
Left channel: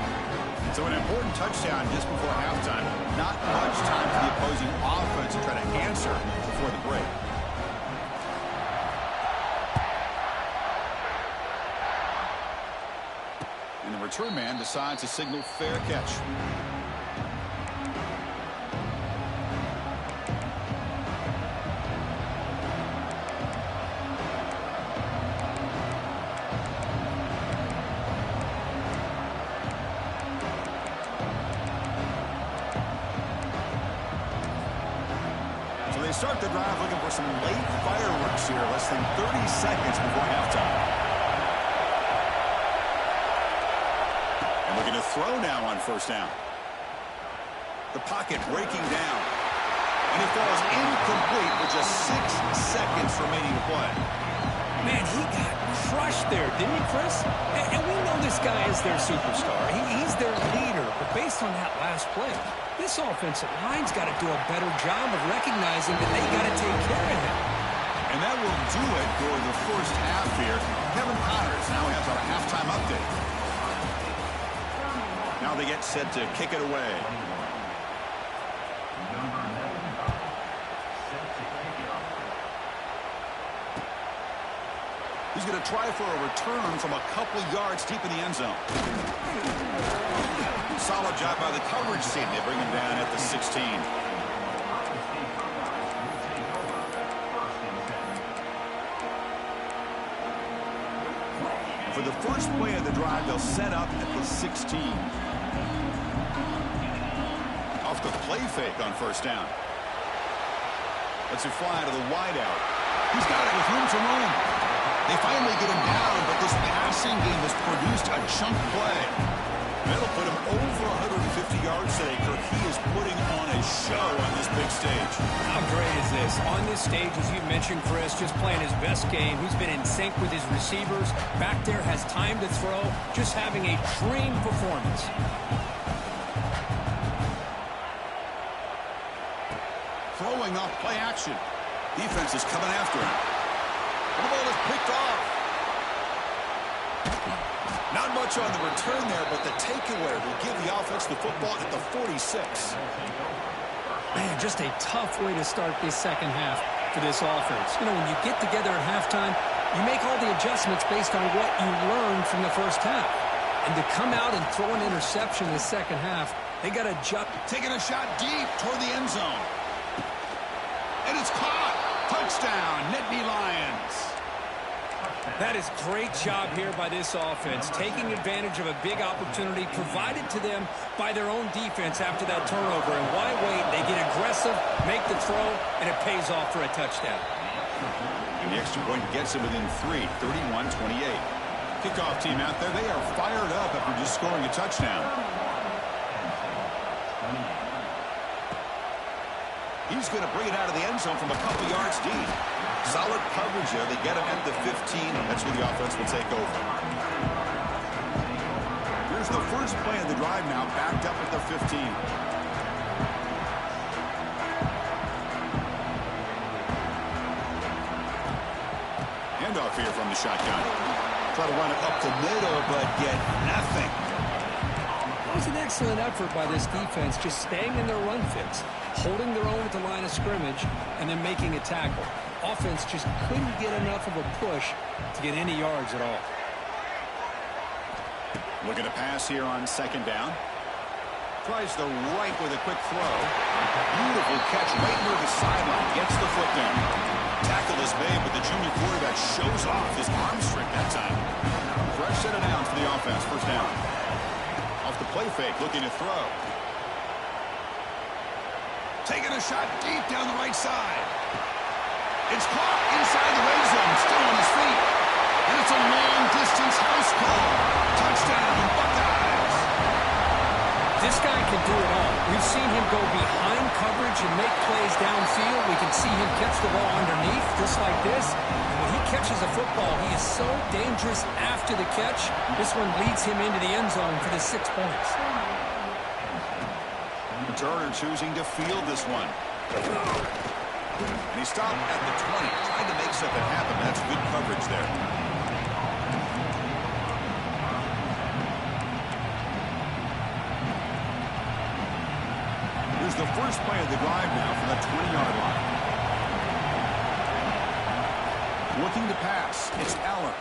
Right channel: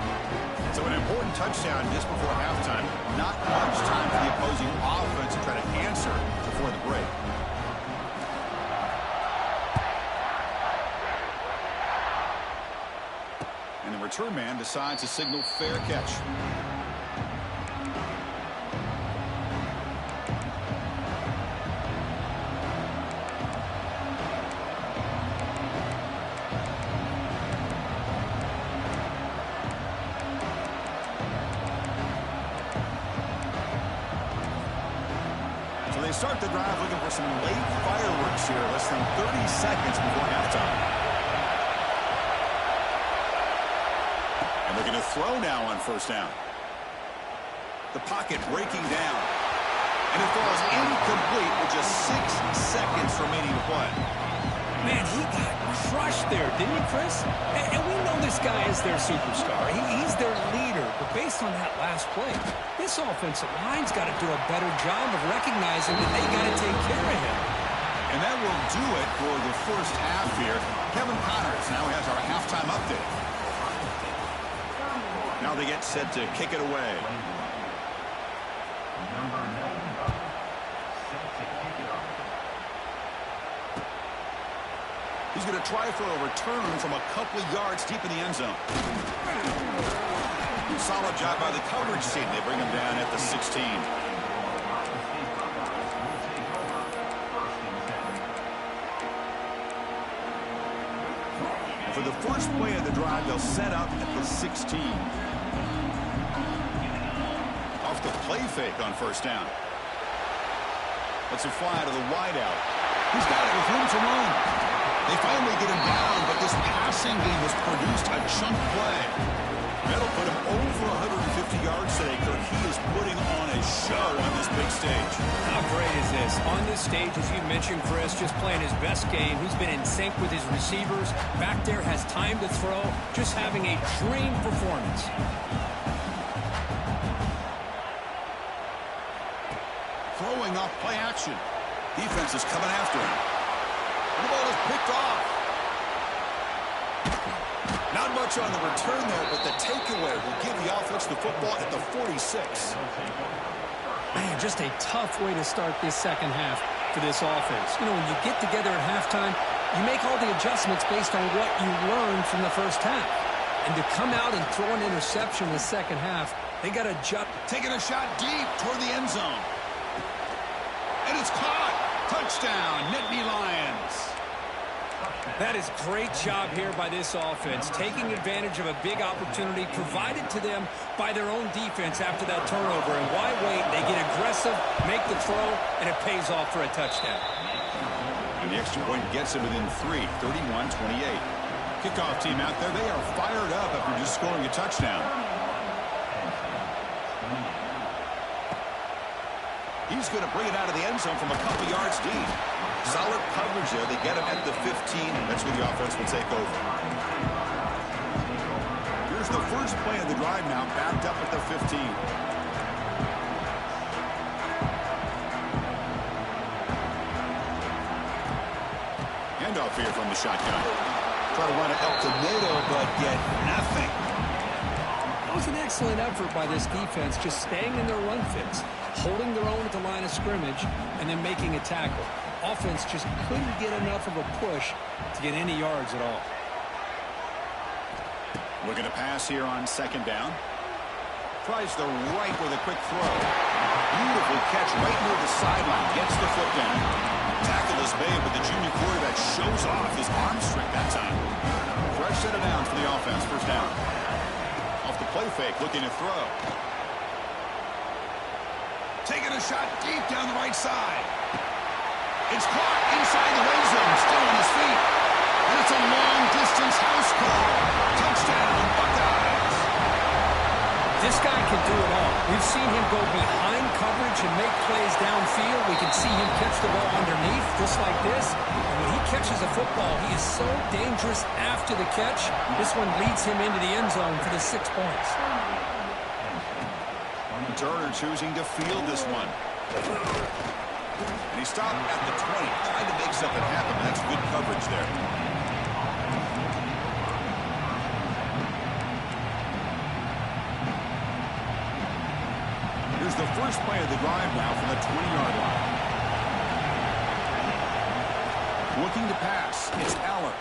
So an important touchdown just before halftime. Not much time for the opposing offense to try to answer before the break. And the return man decides to signal fair catch. They start the drive looking for some late fireworks here, less than 30 seconds before halftime. And looking to throw now on 1st down. The pocket breaking down. And it falls incomplete with just 6 seconds remaining to play. Man, he got crushed there, didn't he, Chris? And we know this guy is their superstar. He's their leader. But based on that last play, this offensive line's got to do a better job of recognizing that they got to take care of him. And that will do it for the first half here. Kevin Connors now has our halftime update. Now they get set to kick it away. Number 95, set to kick it off. He's going to try for a return from a couple yards deep in the end zone. Solid job by the coverage team. They bring him down at the 16. And for the first play of the drive, they'll set up at the 16. Off the play fake on 1st down. Lets it fly to the wideout. He's got it with room to run. They finally get him down, but this passing game has produced a chunk play. That'll put him over 150 yards today, Kirk. He is putting on a show on this big stage. How great is this? On this stage, as you mentioned, Chris, just playing his best game. He's been in sync with his receivers. Back there, has time to throw. Just having a dream performance. Throwing off play action. Defense is coming after him. And the ball is picked off. Not much on the return there, but the takeaway will give the offense the football at the 46. Man, just a tough way to start this second half for this offense. You know, when you get together at halftime, you make all the adjustments based on what you learned from the first half. And to come out and throw an interception in the second half, they got to jump. Taking a shot deep toward the end zone. And it's caught. Touchdown, Nittany Lions. That is great job here by this offense, taking advantage of a big opportunity provided to them by their own defense after that turnover. And why wait? They get aggressive, make the throw, and it pays off for a touchdown. And the extra point gets it within 3, 31-28. Kickoff team out there, they are fired up after just scoring a touchdown. He's going to bring it out of the end zone from a couple yards deep. Solid coverage there. They get him at the 15. That's where the offense will take over. Here's the first play of the drive now, backed up at the 15. Handoff here from the shotgun. Try to run it up the middle, but get nothing. That was an excellent effort by this defense, just staying in their run fits, holding their own at the line of scrimmage, and then making a tackle. Offense just couldn't get enough of a push to get any yards at all. Looking to pass here on second down. Tries the right with a quick throw. Beautiful catch right near the sideline. Gets the foot down. Tackle is made, but the junior quarterback shows off his arm strength that time. Fresh set of downs for the offense. First down. Off the play fake, looking to throw. Taking a shot deep down the right side. It's caught inside the red zone, still on his feet. And it's a long-distance house call. Touchdown, Buckeyes. This guy can do it all. We've seen him go behind coverage and make plays downfield. We can see him catch the ball underneath, just like this. And when he catches a football, he is so dangerous after the catch. This one leads him into the end zone for the 6 points. Turner choosing to field this one. And he stopped at the 20. Tried to make something happen, but that's good coverage there. Here's the first play of the drive now from the 20-yard line. Looking to pass. It's Aller.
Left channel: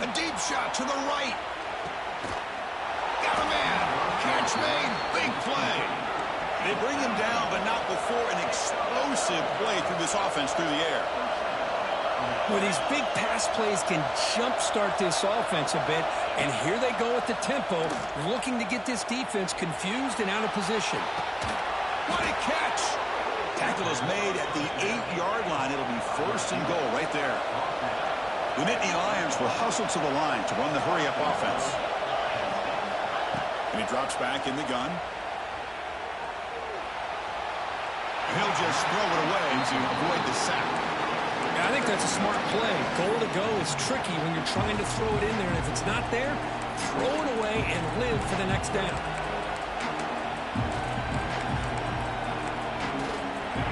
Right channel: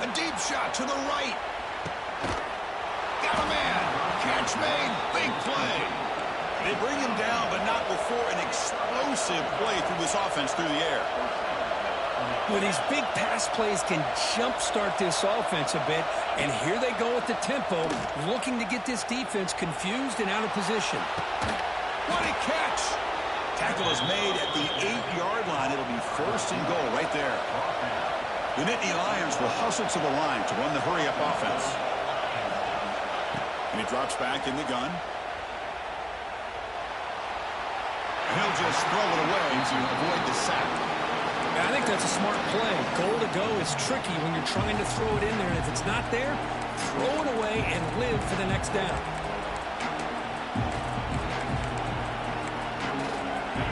A deep shot to the right. Got a man. Catch made. Big play. They bring him down, but not before an explosive play through this offense through the air. Well, these big pass plays can jumpstart this offense a bit, and here they go at the tempo, looking to get this defense confused and out of position. What a catch! Tackle is made at the 8-yard line. It'll be first and goal right there. The Nittany Lions will hustle to the line to run the hurry-up offense. And he drops back in the gun. And he'll just throw it away to avoid the sack. Yeah, I think that's a smart play. Goal to go is tricky when you're trying to throw it in there, and if it's not there, throw it away and live for the next down.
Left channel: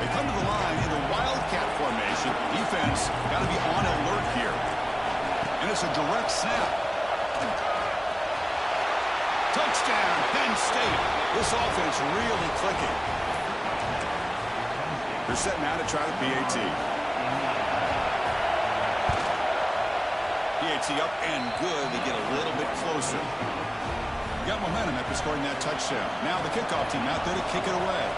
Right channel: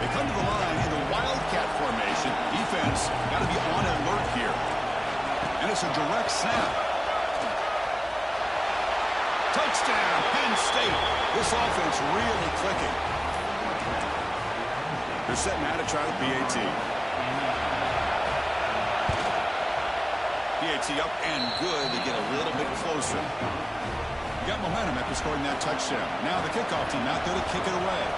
They come to the line in a wildcat formation. Defense got to be on alert here. And it's a direct snap. Touchdown, Penn State. This offense really clicking. They're setting out to try the PAT. PAT up and good. They get a little bit closer. Got momentum after scoring that touchdown. Now the kickoff team out there to kick it away.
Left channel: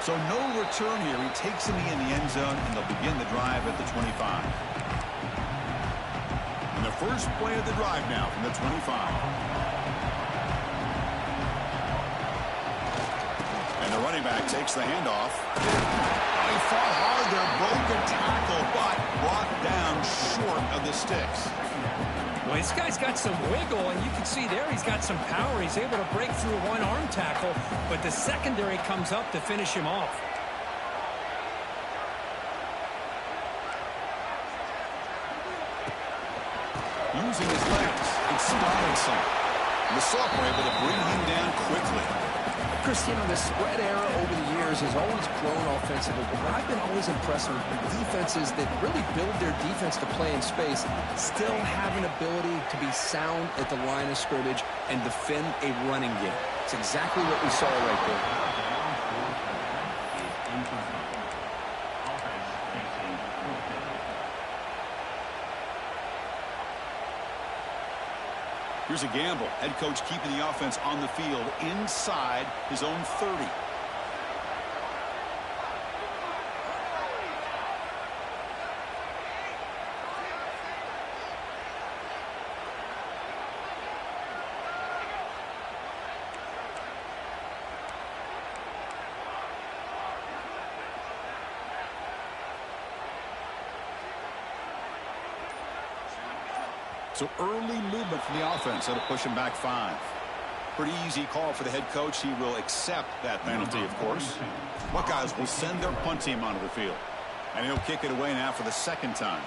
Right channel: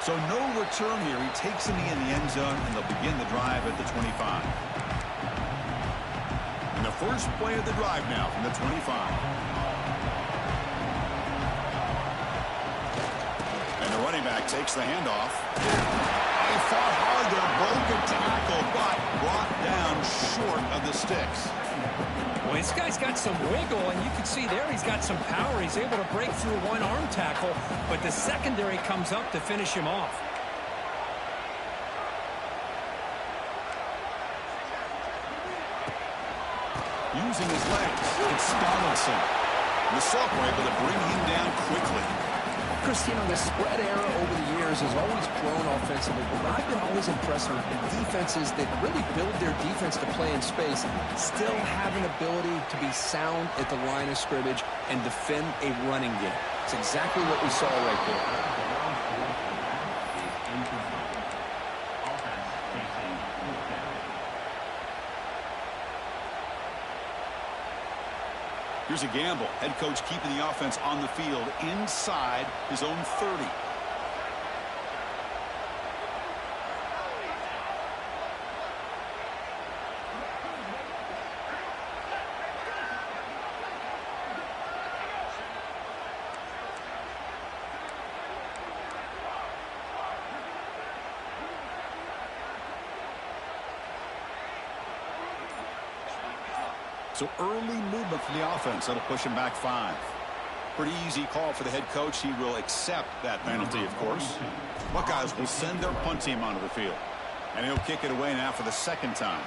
So no return here. He takes him in the end zone, and they'll begin the drive at the 25. And the first play of the drive now from the 25. And the running back takes the handoff. Oh, he fought hard there, broke a tackle, but brought down short of the sticks. Well, this guy's got some wiggle, and you can see there he's got some power. He's able to break through one arm tackle, but the secondary comes up to finish him off. Using his legs, it's Donaldson. The Sock were able to bring him down quickly. Chris, you know, the spread era over the years has always grown offensively, but what I've been always impressed with defenses that really build their defense to play in space still have an ability to be sound at the line of scrimmage and defend a running game. It's exactly what we saw right there. Here's a gamble. Head coach keeping the offense on the field inside his own 30. So early movement from the offense. That'll push him back 5. Pretty easy call for the head coach. He will accept that penalty, of course. Buckeyes will send their punt team onto the field. And he'll kick it away now for the second time.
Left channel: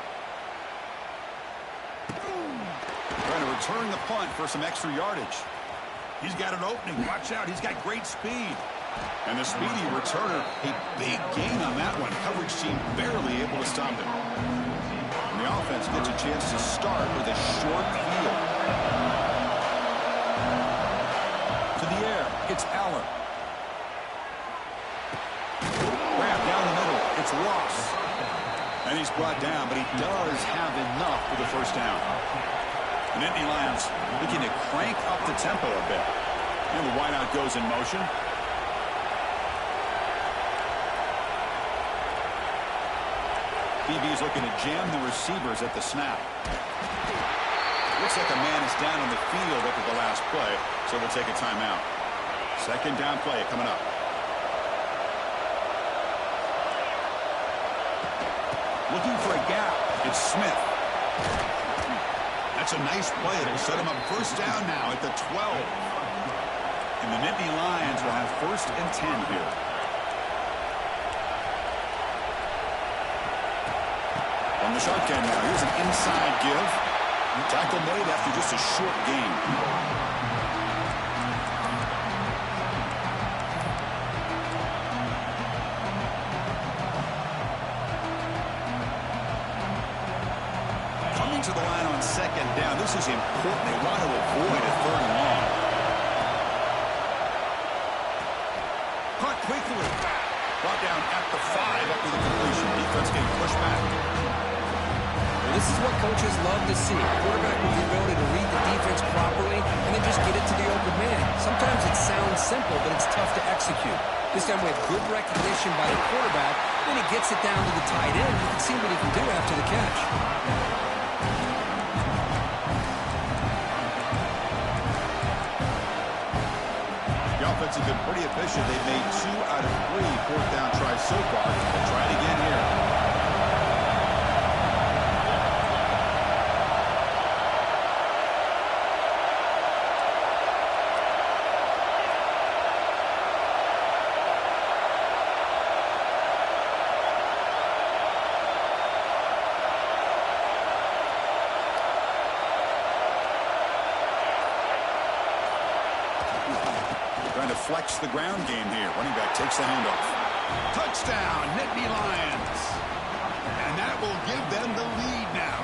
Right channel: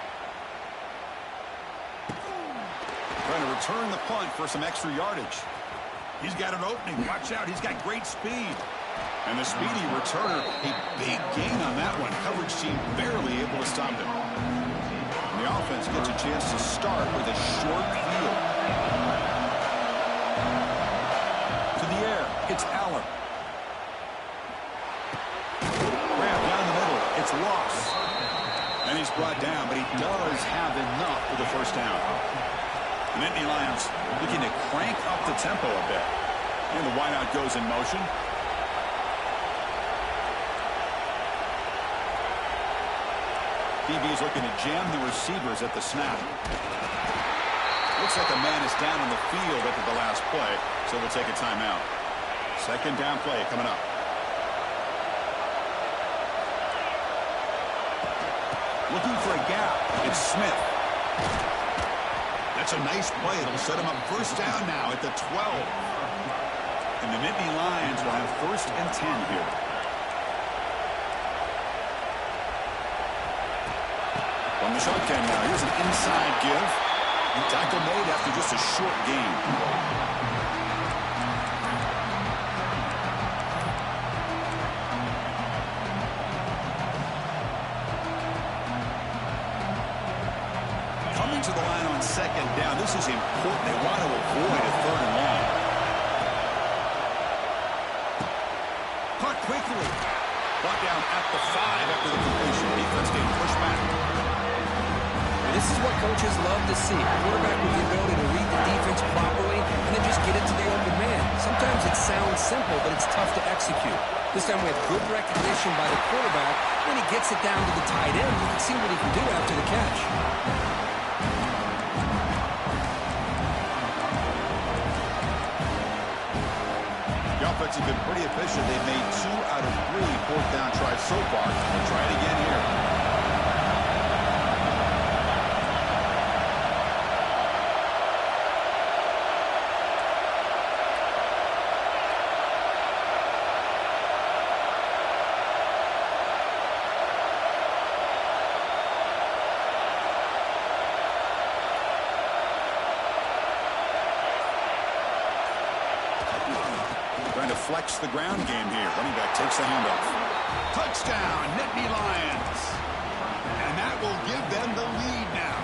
Trying to return the punt for some extra yardage. He's got an opening. Watch out. He's got great speed. And the speedy returner, a big gain on that one. Coverage team barely able to stop him. And the offense gets a chance to start with a short field. To the air, it's Aller. Grab down the middle, it's Ross. And he's brought down, but he does have enough for the first down. The Nittany Lions looking to crank up the tempo a bit. And the wideout goes in motion. DB's looking to jam the receivers at the snap. Looks like a man is down on the field after the last play, so we'll take a timeout. Second down play coming up. Looking for a gap. It's Smith. That's a nice play. It'll set him up first down now at the 12. And the Nittany Lions will have first and 10 here. From the shotgun now, here's an inside give. Tackle made after just a short gain. Coming to the line on second down, this is important. They want to avoid a third and long. Caught quickly. Brought down at the 5 after the completion. Defense getting pushed back. Well, this is what coaches love to see. A quarterback with the ability to read the defense properly and then just get it to the open man. Sometimes it sounds simple, but it's tough to execute. This time we have good recognition by the quarterback. Then he gets it down to the tight end. You can see what he can do after the catch. The offense has been pretty efficient. They've made 2 out of 3 fourth down tries so far. They'll try it again here. Trying to flex the ground game here. Running back takes the handoff. Touchdown, Nittany Lions. And that will give them the lead now.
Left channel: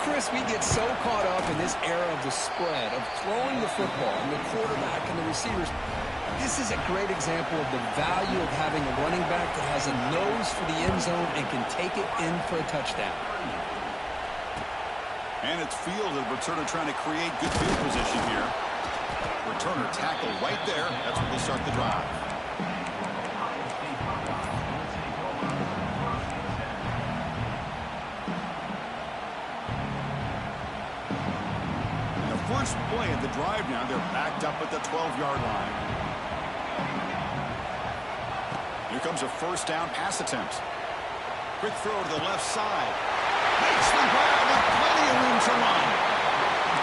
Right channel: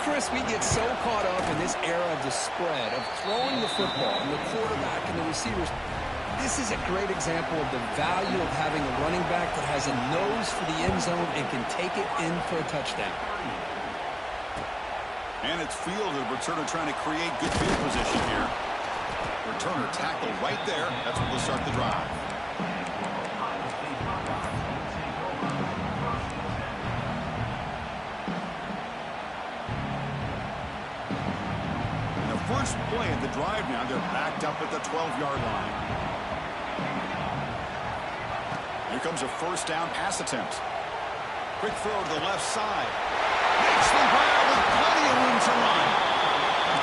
Chris, we get so caught up in this era of the spread, of throwing the football, and the quarterback and the receivers. This is a great example of the value of having a running back that has a nose for the end zone and can take it in for a touchdown. And it's fielded. Returner trying to create good field position here. Returner tackle right there. That's what will start the drive. And the first play of the drive now, they're backed up at the 12-yard line. Here comes a first down pass attempt. Quick throw to the left side. Makes the grab with plenty of room to run.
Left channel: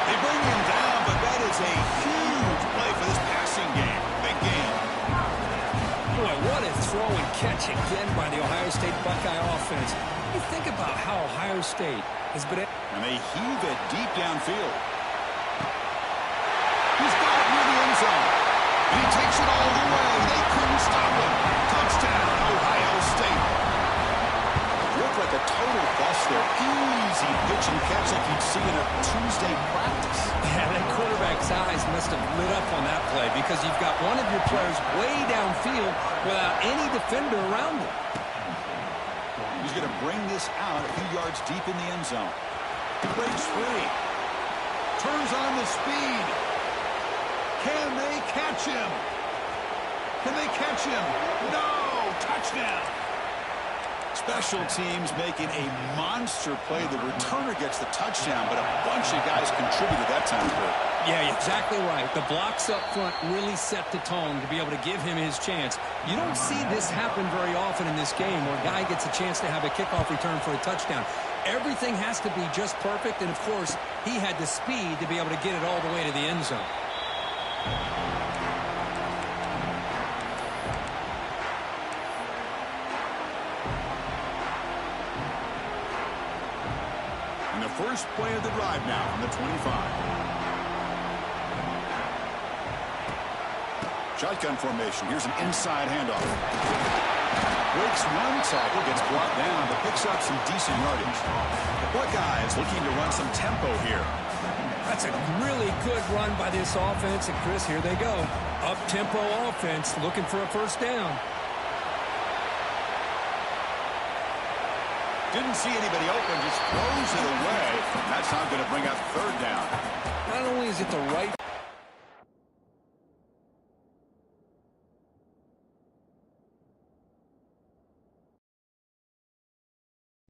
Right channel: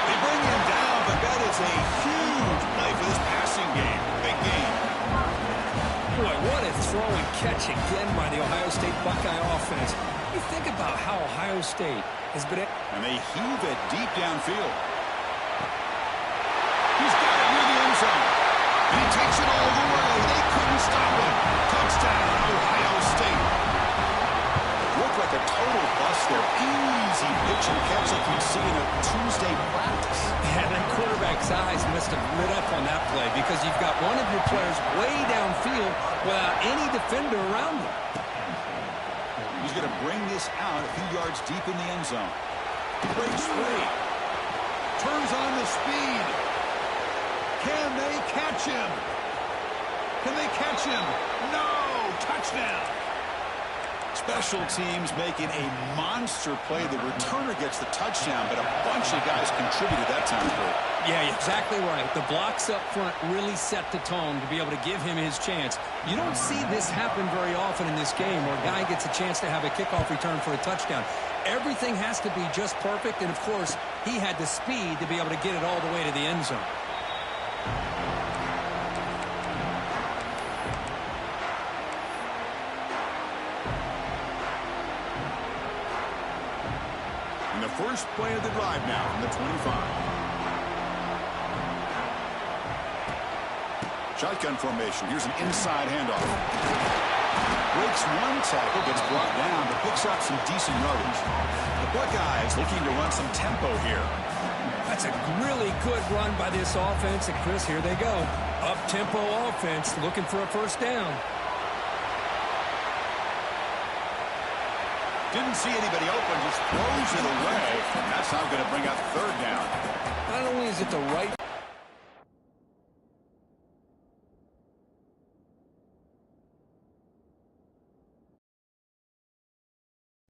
They bring him down, but that is a huge play for this passing game. Big game. Boy, what a throw and catch again by the Ohio State Buckeye offense. You think about how Ohio State has been... And they heave it deep downfield. He's got it near the end zone. And he takes it all the way. They couldn't stop him. Touchdown, Ohio State. Looked like a total bust there. Easy pitch and catch like you'd see in a Tuesday practice. Yeah, that quarterback's eyes must have lit up on that play because you've got one of your players way downfield without any defender around him. He's going to bring this out a few yards deep in the end zone. Breaks free. Turns on the speed. Can they catch him? Can they catch him? No! Touchdown! Special teams making a monster play. The returner gets the touchdown, but a bunch of guys contributed that time, Kurt. Yeah, exactly right. The blocks up front really set the tone to be able to give him his chance. You don't see this happen very often in this game where a guy gets a chance to have a kickoff return for a touchdown. Everything has to be just perfect, and of course, he had the speed to be able to get it all the way to the end zone. And the first play of the drive now from the 25. Shotgun formation. Here's an inside handoff. Breaks one tackle, gets brought down, but picks up some decent yardage. The Buckeyes looking to run some tempo here. That's a really good run by this offense. And, Chris, here they go. Up-tempo offense looking for a first down. Didn't see anybody open, just throws it away. That's not going to bring up third down. Not only is it the right